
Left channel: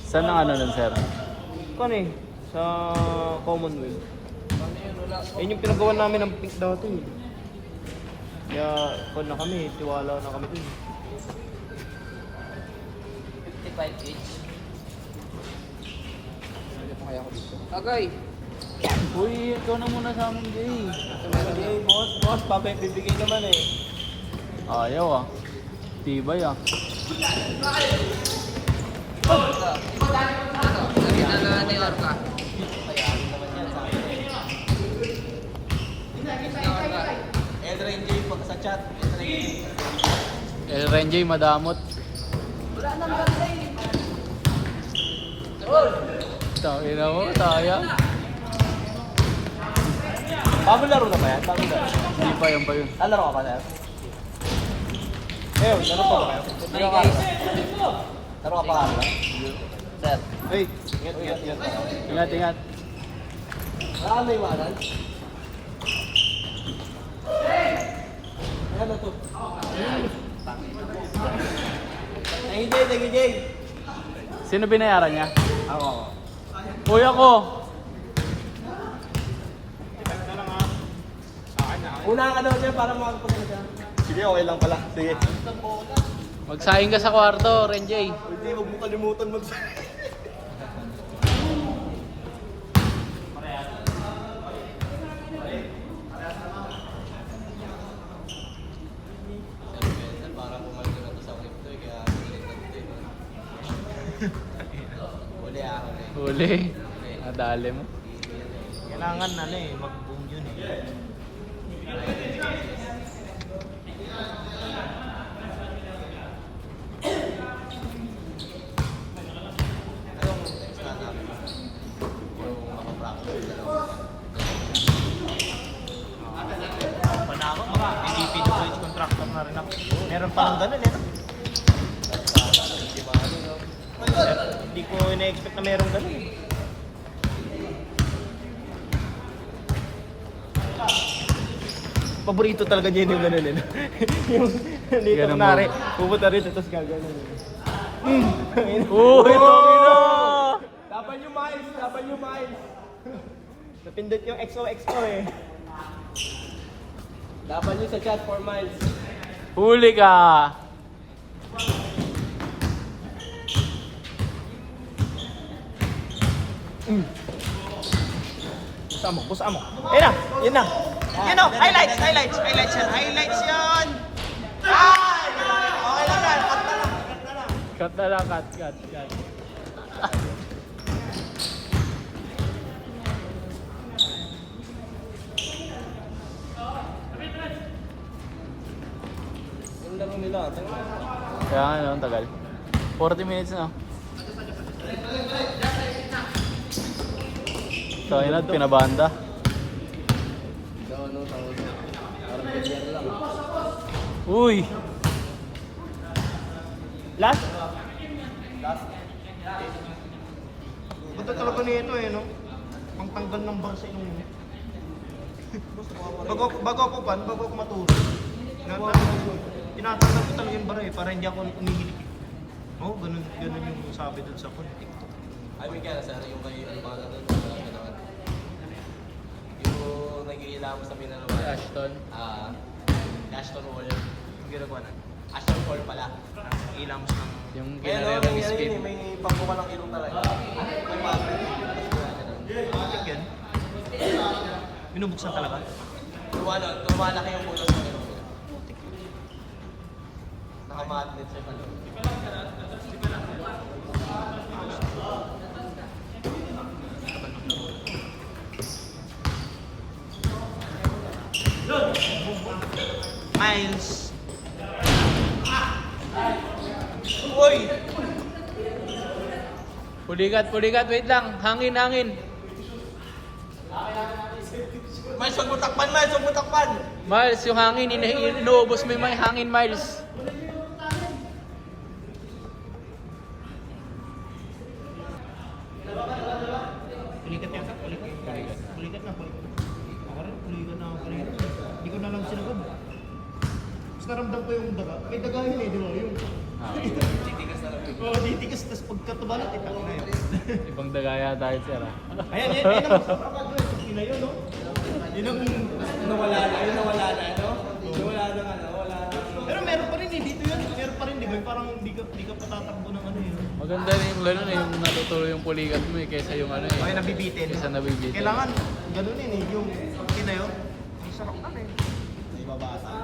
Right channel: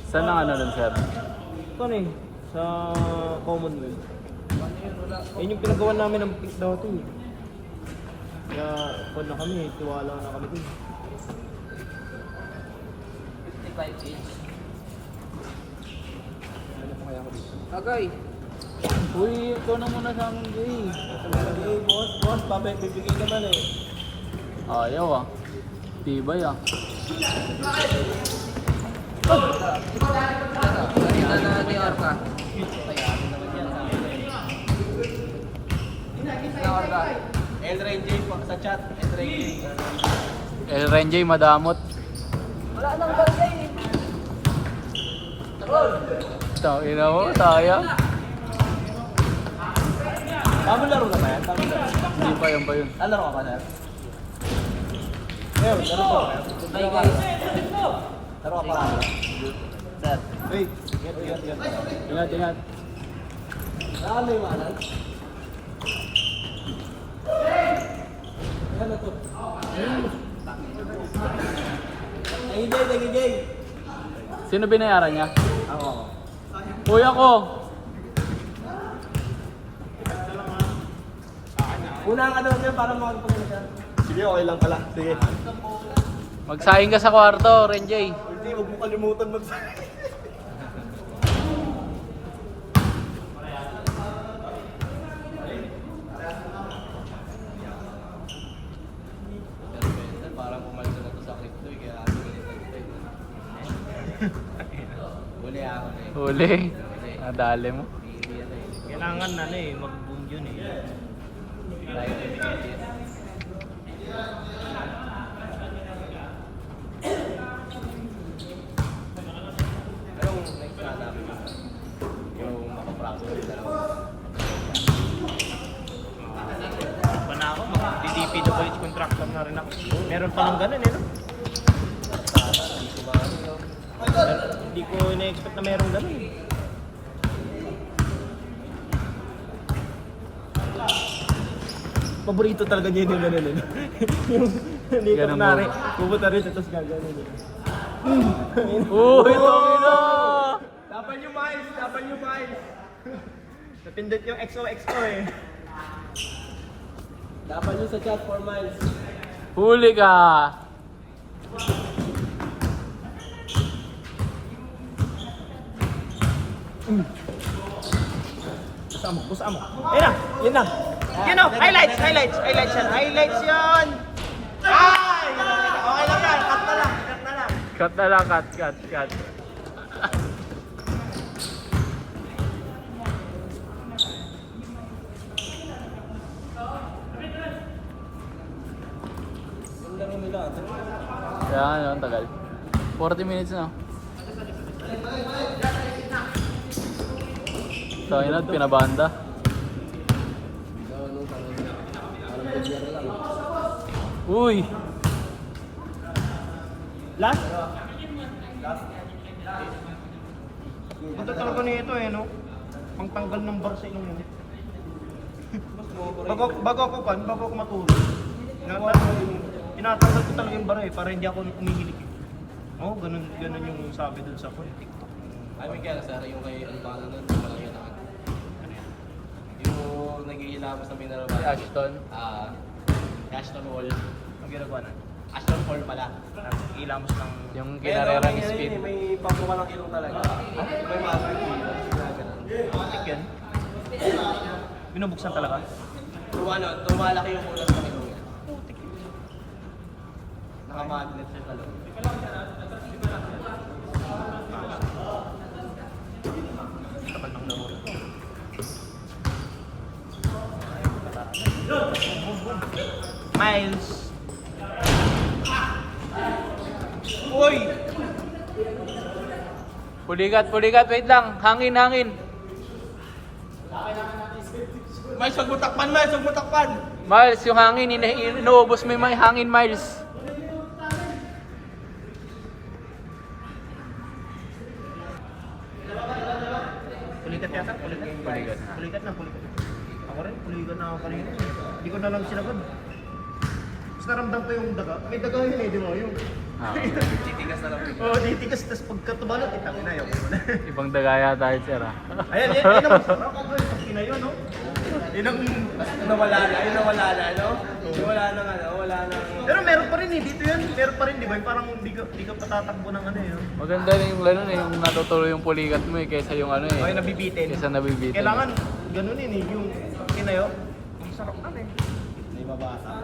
Saan ang ano dun, sir? Kan eh, sa Commonwealth. Yun yung pinagawa namin ng pick dati eh. Kaya, kon na kami, tiwala na kami dun. 55 each. Agay. Uy, ikaw na muna sa amin, Jay. Hey, boss, bibigay naman eh. Ayaw ah. Tibay ah. Ano? Nakita na ni Orca. Si Orca. Elrain J po sa chat. Elrain J. El Renjay, madamot. Wala nang ganda eh. Tangina mo, sayang. Bago laro na ba yan? Bago laro. Hindi pa yun pa yun. Ah, laro ka ba na? Eh, laro pa ba? Hey guys. Laro ka pa. Sir. Hey, Ingat, ingat. Ah, may manan. Ano to? Ay, hindi, Jay. Sino binayaran niya? Oo. Kuya ko. Una ka daw siya para makapagpunta siya. sige, okay lang pala. Sige. Magsayang ka sa kwarto, Renjay. Hindi, huwag mo kalimutan Parang pumalito na to sa crypto kaya huli ako na eh. Huli. Ang dali mo. Kailangan na eh, mag-boom yun eh. Anong extra namin? Yung makapractice na lang. Pa na ako, mga DPWH contractor na rin ako. Meron pa ng ganun eh. No? Hindi ko ina-expect na meron ganun eh. Paborito talaga niya yung ganun eh. Yung dito Ganun kunwari, ba? pupunta rin tapos gagawin eh. Dapat yung miles. Napindot yung XOXO eh. Dapat nyo sa chat 4 miles. Huli ka. Busa mo. Ayun na, yun na. Yun na, highlights yan. Highlights yan. Ay! Okay lang yan, cut na lang. Cut na lang, cut. Kaya nga lang, tagal. 40 minutes na. Kaya na, pinabanda. Uy! Last? Ito talaga nito eh, no? Pangtanggal ng bar sa inyo. bago ako matulog. Tinatanggal ko talaga yung bar eh, para hindi ako umihilik eh. Oo, ganun yung sabi dun sa TikTok. Ay, may kaya sir, yung kay ano pa lang, walang gano'n. Yung nag-iilamos sa mineral water. Ashton. Ashton Wall. Ang ginagawa na. Ashton Wall pala. Ilamos ng... Yung Kaya no, may ano yun eh, may pambuka ng ilong talaga. May mabay yun. Tik yan. Binubuksan talaga. Lumalaki yung ulos ng ilong yan. Nakamatlet siya talaga. Tagal ng laro. Miles! Uy! Pulikat, wait lang. Hangin. Miles, huwag mo takpan, Miles! Huwag mo takpan! Miles, yung hangin, inuubos mo yung may hangin, Miles. Pulikat yata? Pulikat na. Ako rin, pulikat na ako kanina. Hindi ko na lang sinagod. Tapos naramdam ko yung daga. May daga yun eh, di ba? Yung... Titigas na lang. Oo, titigas. Tapos pagka tumalot, itang ina yun. Ibang dagaya tayo, sir. Ayan, yan ang masarap. Pag kinayo, no? Yun ang... Nawala na, no? Wala na, wala na. Pero meron pa rin eh, dito yun. Meron pa rin, di ba? Yung parang di ka patatakbo ng ano yun. Maganda rin yung gano'n eh, yung natutuloy yung pulikat mo eh, kaysa yung ano eh. Okay, nabibitin. Kaysa nabibitin. Kailangan, ganun yun eh, yung kinayo. Ang sarap na eh. Di ba bata?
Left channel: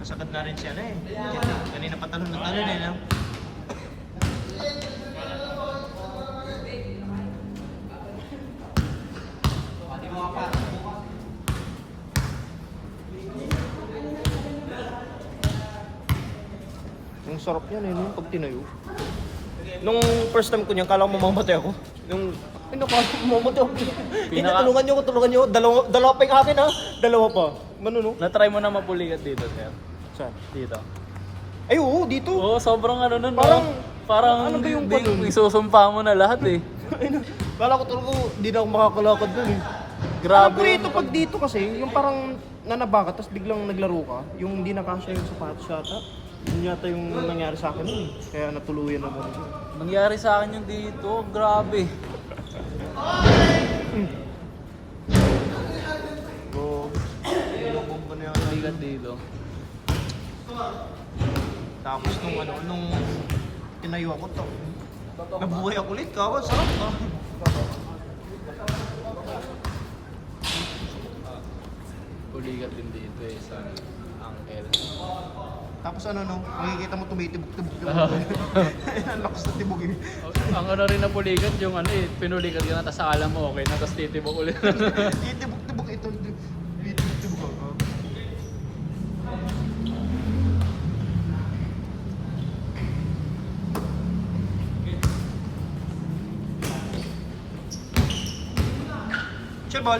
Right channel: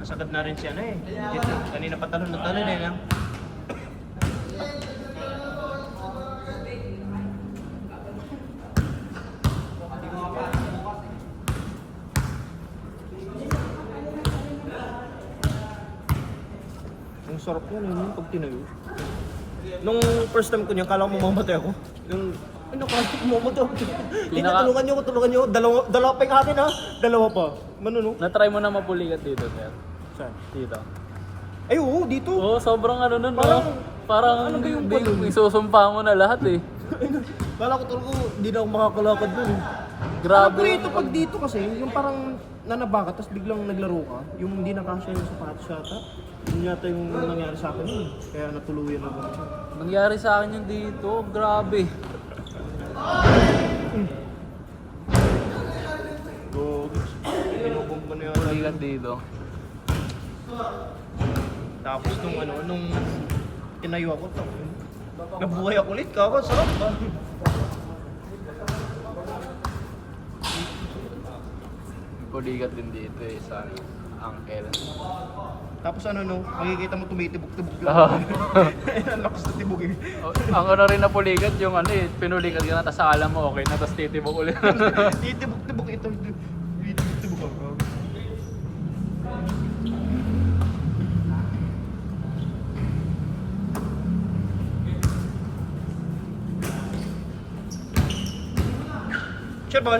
Nasagad na rin siya na eh. Kanina pa talon na talon eh. No? Ang sarap yan eh, nung pag tinayo. Nung first time ko niyan, kala ko mamamatay ako. Nung, ay nakala ko mamamatay ako. Hindi, tulungan niyo ako. Dalawa pa yung akin ha. Dalawa pa. Ano no? Na-try mo na mapulikat dito, sir. Saan? Dito. Ay oo, dito. Oo, sobrang ano nun. Parang ano ba yung ganun? Isusumpa mo na lahat eh. Kala ko talaga hindi na ako makakalakad dun eh. Grabe. Pero ito pag dito kasi, yung parang nanaba ka, tapos biglang naglaro ka, yung hindi nakasya yung sapatos yata. Yun yata yung nangyari sa akin nun eh. Kaya natuluyan ako. Nangyari sa akin yung dito, grabe. So, nilubog ko na yun. Pulikat dito. Tapos nung tinayo ako to, nabuhay ako ulit, kawan, sarap ba? Pulikat din dito eh, sa ng L. Tapos makikita mo tumitibok-tibok yung Oo. ang lakas na tibok eh. Ang ano rin na pulikat, yung ano eh, pinulikat ka na, tapos alam mo okay na, tapos titibok ulit. Titibok-tibok ito. Titibok ako. Sure ball.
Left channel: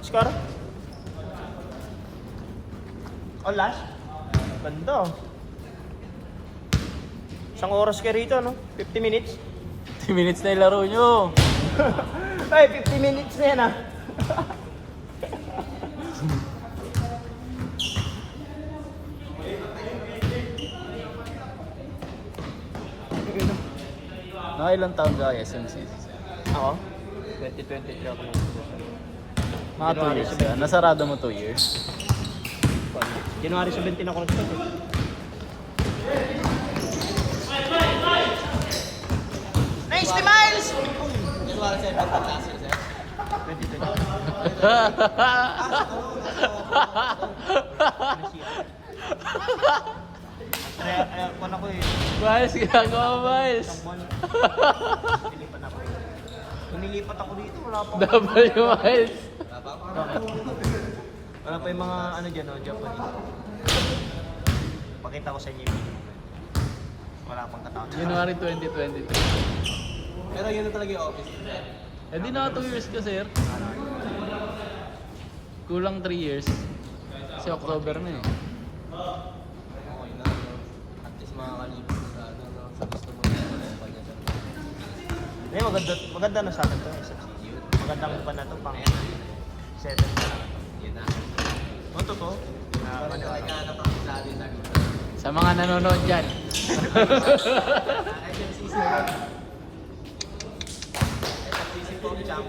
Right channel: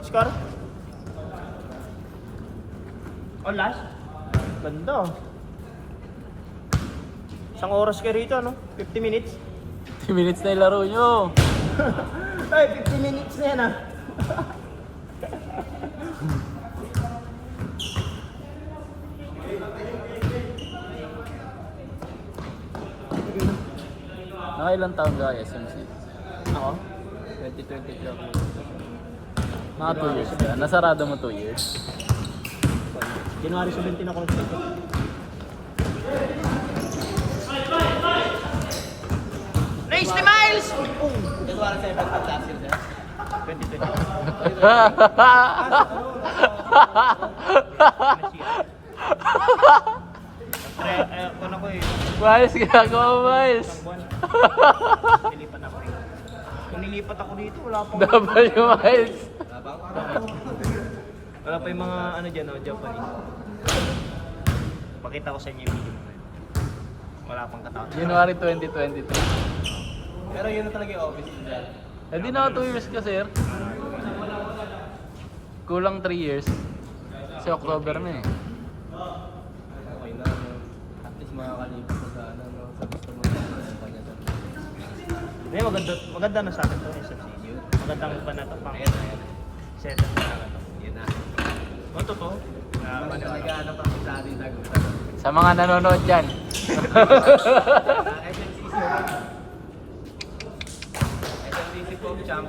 Scar? Oh, last? Ganda. Isang oras ka rito, no? 50 minutes? 10 minutes na yung laro nyo. Ay, 50 minutes na yan, ah. Nakailang taon ka SMC? Ako? 2023 ako. Mga 2 years na. Nasarado mo 2 years. January 17 ako nag-start. Nice ni Miles! January 7 pagkasil, sir. 2020. Ano? Kung ako eh, Miles, ginagawa mo, Miles. isang buwan. Nilipat ako eh. Nung nilipat ako dito, wala pa Double yung Miles. Wala pa yung mga ano dyan, oh, Japanese. Pakita ko sa inyo yung video. Wala pang katawan. January 2022. Pero yun na talaga yung office. Hindi na 2 years ka, sir. Kulang 3 years. Kasi October na eh. Okay na. At least makakalipas na sa ano, sa gusto mo. Hindi, maganda na sa akin ito. Magandang pa na ito pang settle na lang ito. Yun na. Oh, totoo. Maniwala pa sa atin na Sa mga nanonood dyan. Sisi Pong Champ.